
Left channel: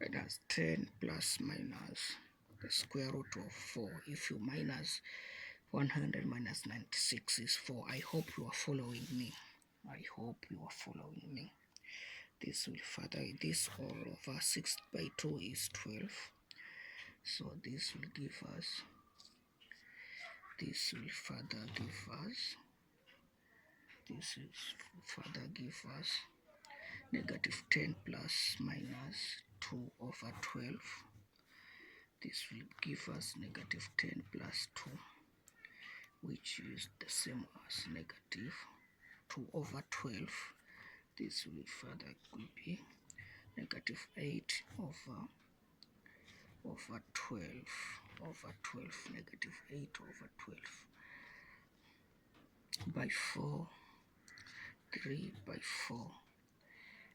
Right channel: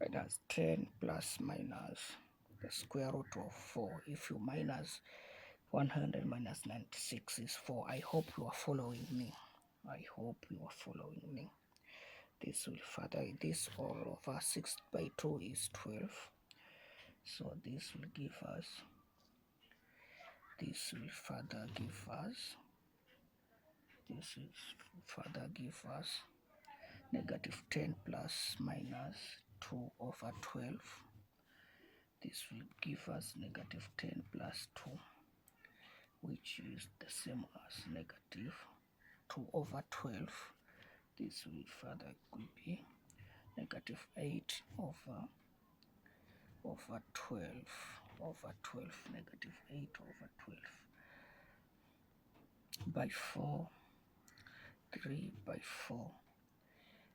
minus 10 plus minus the square root of 4. If you minus 100 minus 96 is 4. I hope you are following me. This will further, this all over 6 by 2 is 12. So this will give us, this will further give us negative 10 plus minus 2 over 12. This will give us negative 10 plus 2, which is the same as negative 2 over 12. This will further be negative 8 over 12 over 12, negative 8 over 12 by 4, 3 by 4,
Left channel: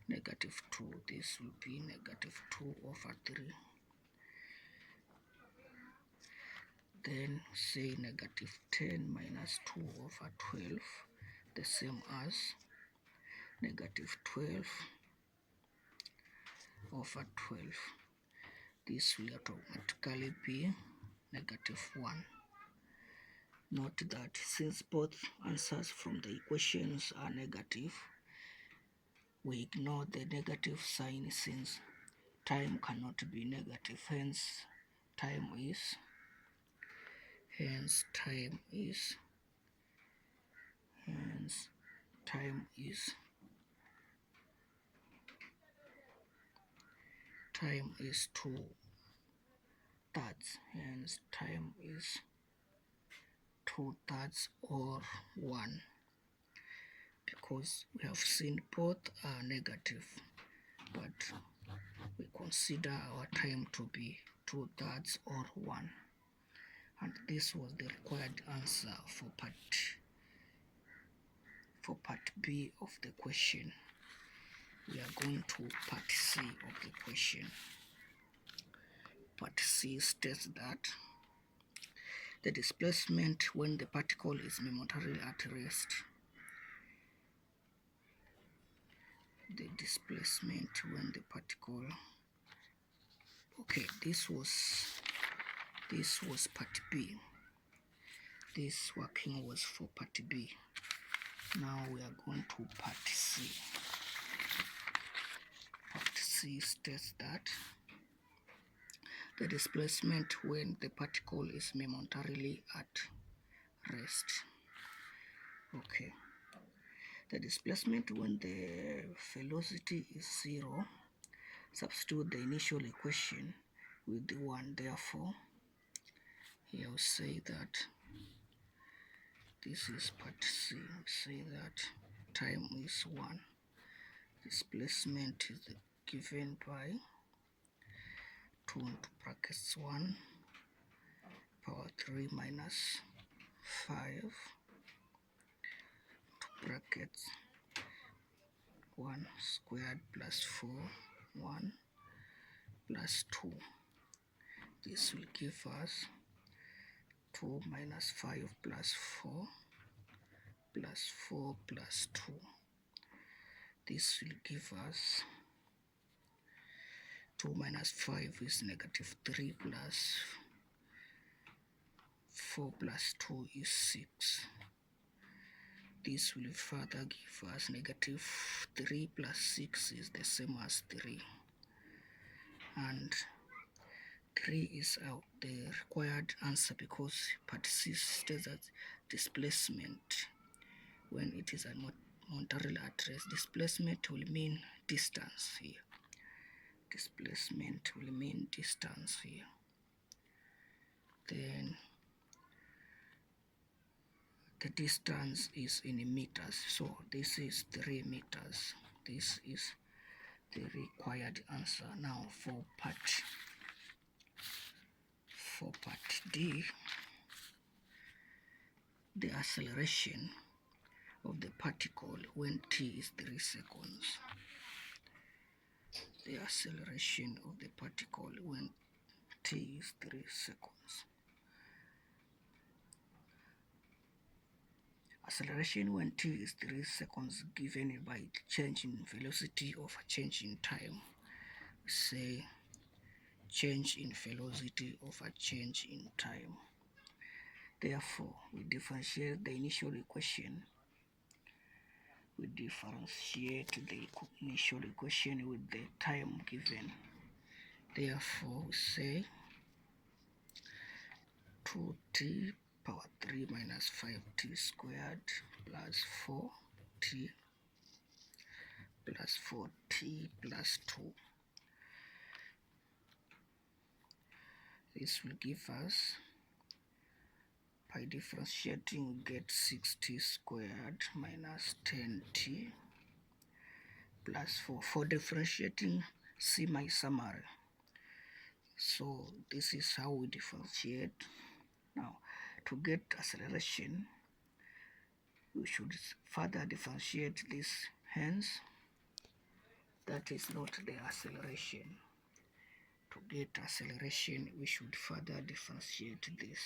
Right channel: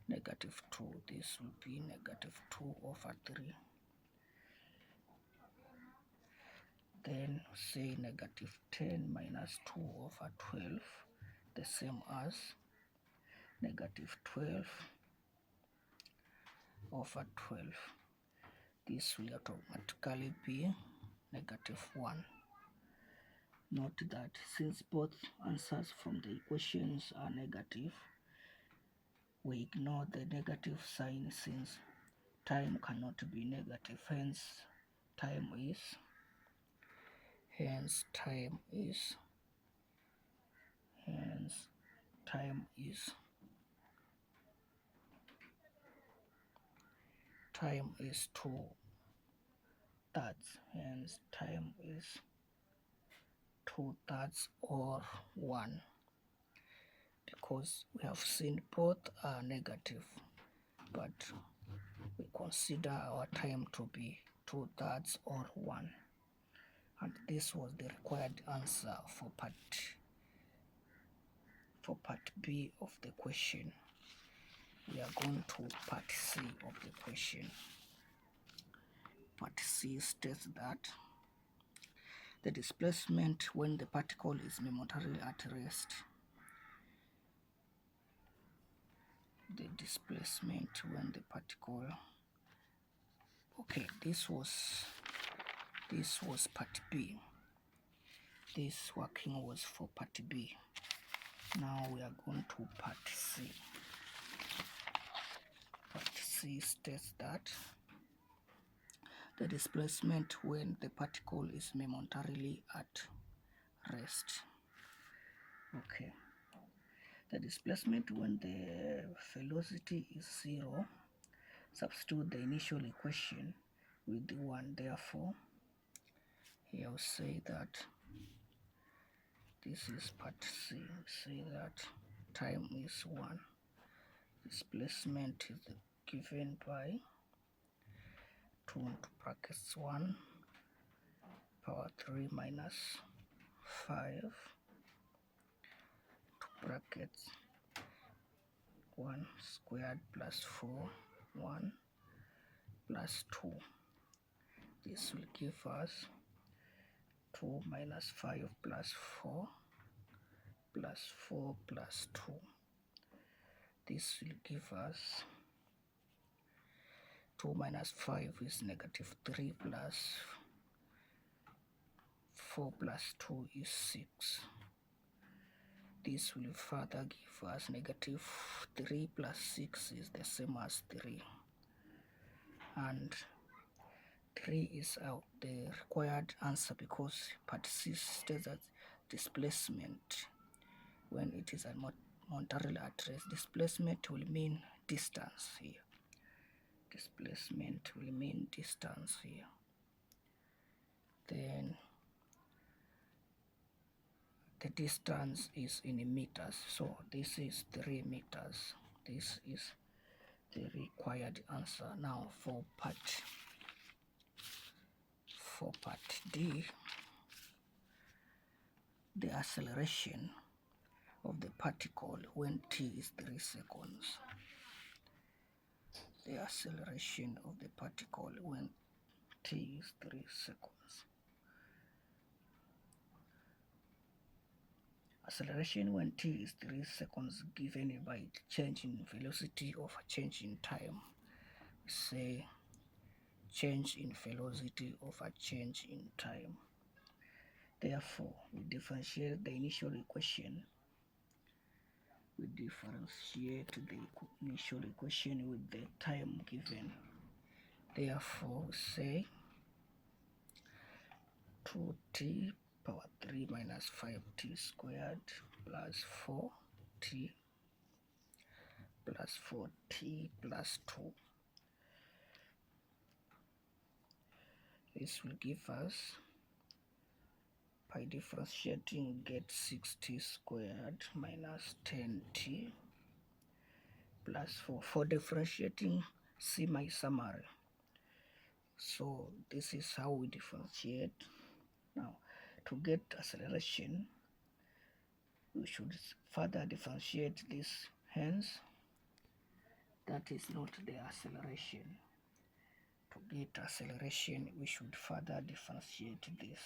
negative 2. This will be negative 2 over 3. Then say negative 10 minus 2 over 12, the same as negative 12 over 12. This will automatically be negative 1. Note that since both answers from the equations are negative, we ignore the negative sign since time cannot be negative. Hence time is time is 2/3. Hence time is 2/3 or 1, because we have seen both are negative, but we consider our time to be 2/3 or 1. And this was the required answer for part B of the question. We are going to part C of the question. Part C states that the displacement when the particle is momentarily at rest. The displacement when the particle. Okay, this was part B. This working was for part B. Now we are going to part C. C states that the displacement when the particle is momentarily at rest. Okay. The displacement when the velocity is 0, substitute the initial equation with the 1. Therefore, here I'll say that this is part C. We say that time is 1. Displacement is given by 2 into brackets 1 power 3 minus 5 to brackets 1 squared plus 4 1 plus 2. This will give us 2 minus 5 plus 4 plus 4 plus 2. This will give us 2 minus 5 is negative 3 plus 4 plus 2 is 6. This will further give us negative 3 plus 6 is the same as 3. And 3 is out the required answer because part C states that displacement when it is at momentarily at rest. Displacement will mean distance here. Displacement will mean distance here. Then the distance is in meters, so this is 3 meters. This is the required answer. Now for part D, the acceleration of the particle when t is 3 seconds. The acceleration of the particle when t is 3 seconds. Acceleration when t is 3 seconds given by change in velocity of a change in time. We say change in velocity of a change in time. Therefore, we differentiate the initial equation. We differentiate the initial equation with the time given. Therefore, we say 2t power 3 minus 5t squared plus 4t plus 4t plus 2. This will give us, by differentiating, we get 6t squared minus 10t plus 4. For differentiating, see my summary. So this is how we differentiate. Now, to get acceleration, we should further differentiate this. Hence, that is not the acceleration. To get acceleration, we should further differentiate this.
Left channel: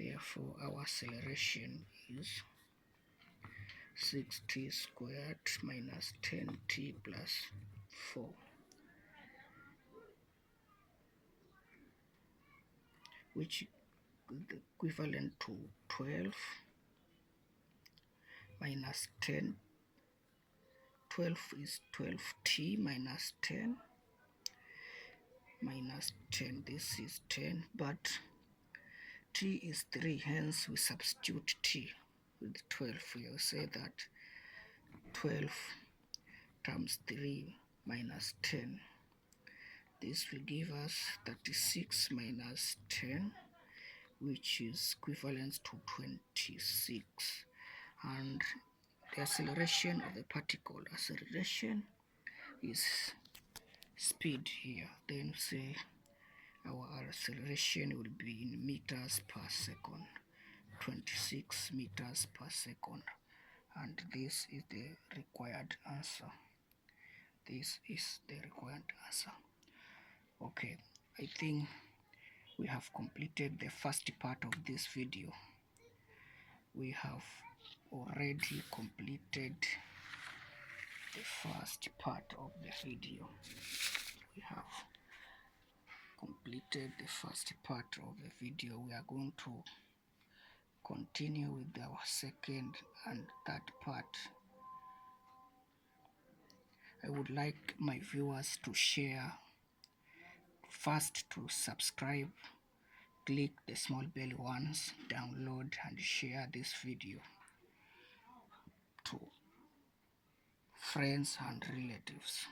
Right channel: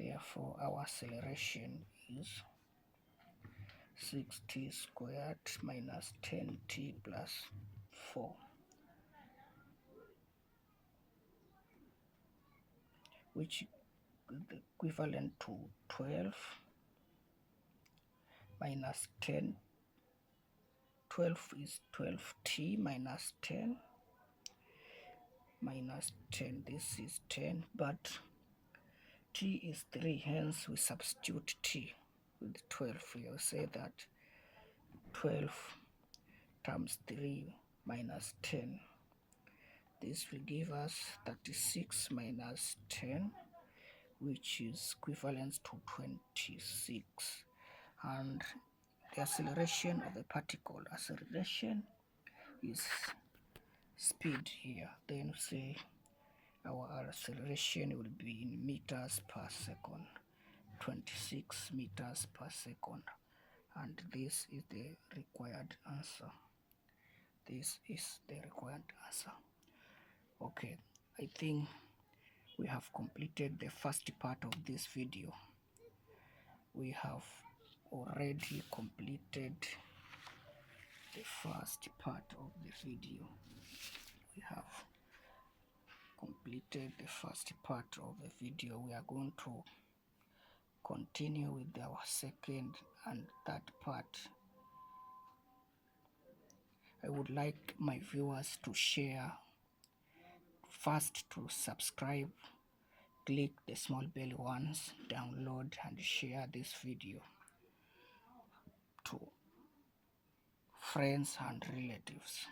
Therefore, our acceleration is 6t squared minus 10t plus 4, which is equivalent to 12 minus 10. 12 is 12t minus 10 minus 10. This is 10, but t is 3, hence we substitute t with 12. We'll say that 12 times 3 minus 10. This will give us 36 minus 10, which is equivalent to 26. And the acceleration of the particle, acceleration is speed here. Then say our acceleration will be in meters per second, 26 meters per second. And this is the required answer. This is the required answer. Okay, I think we have completed the first part of this video. We have already completed the first part of the video. We have completed the first part of the video. We are going to continue with our second and third part. I would like my viewers to share, first to subscribe, click the small bell once, download and share this video to friends and relatives.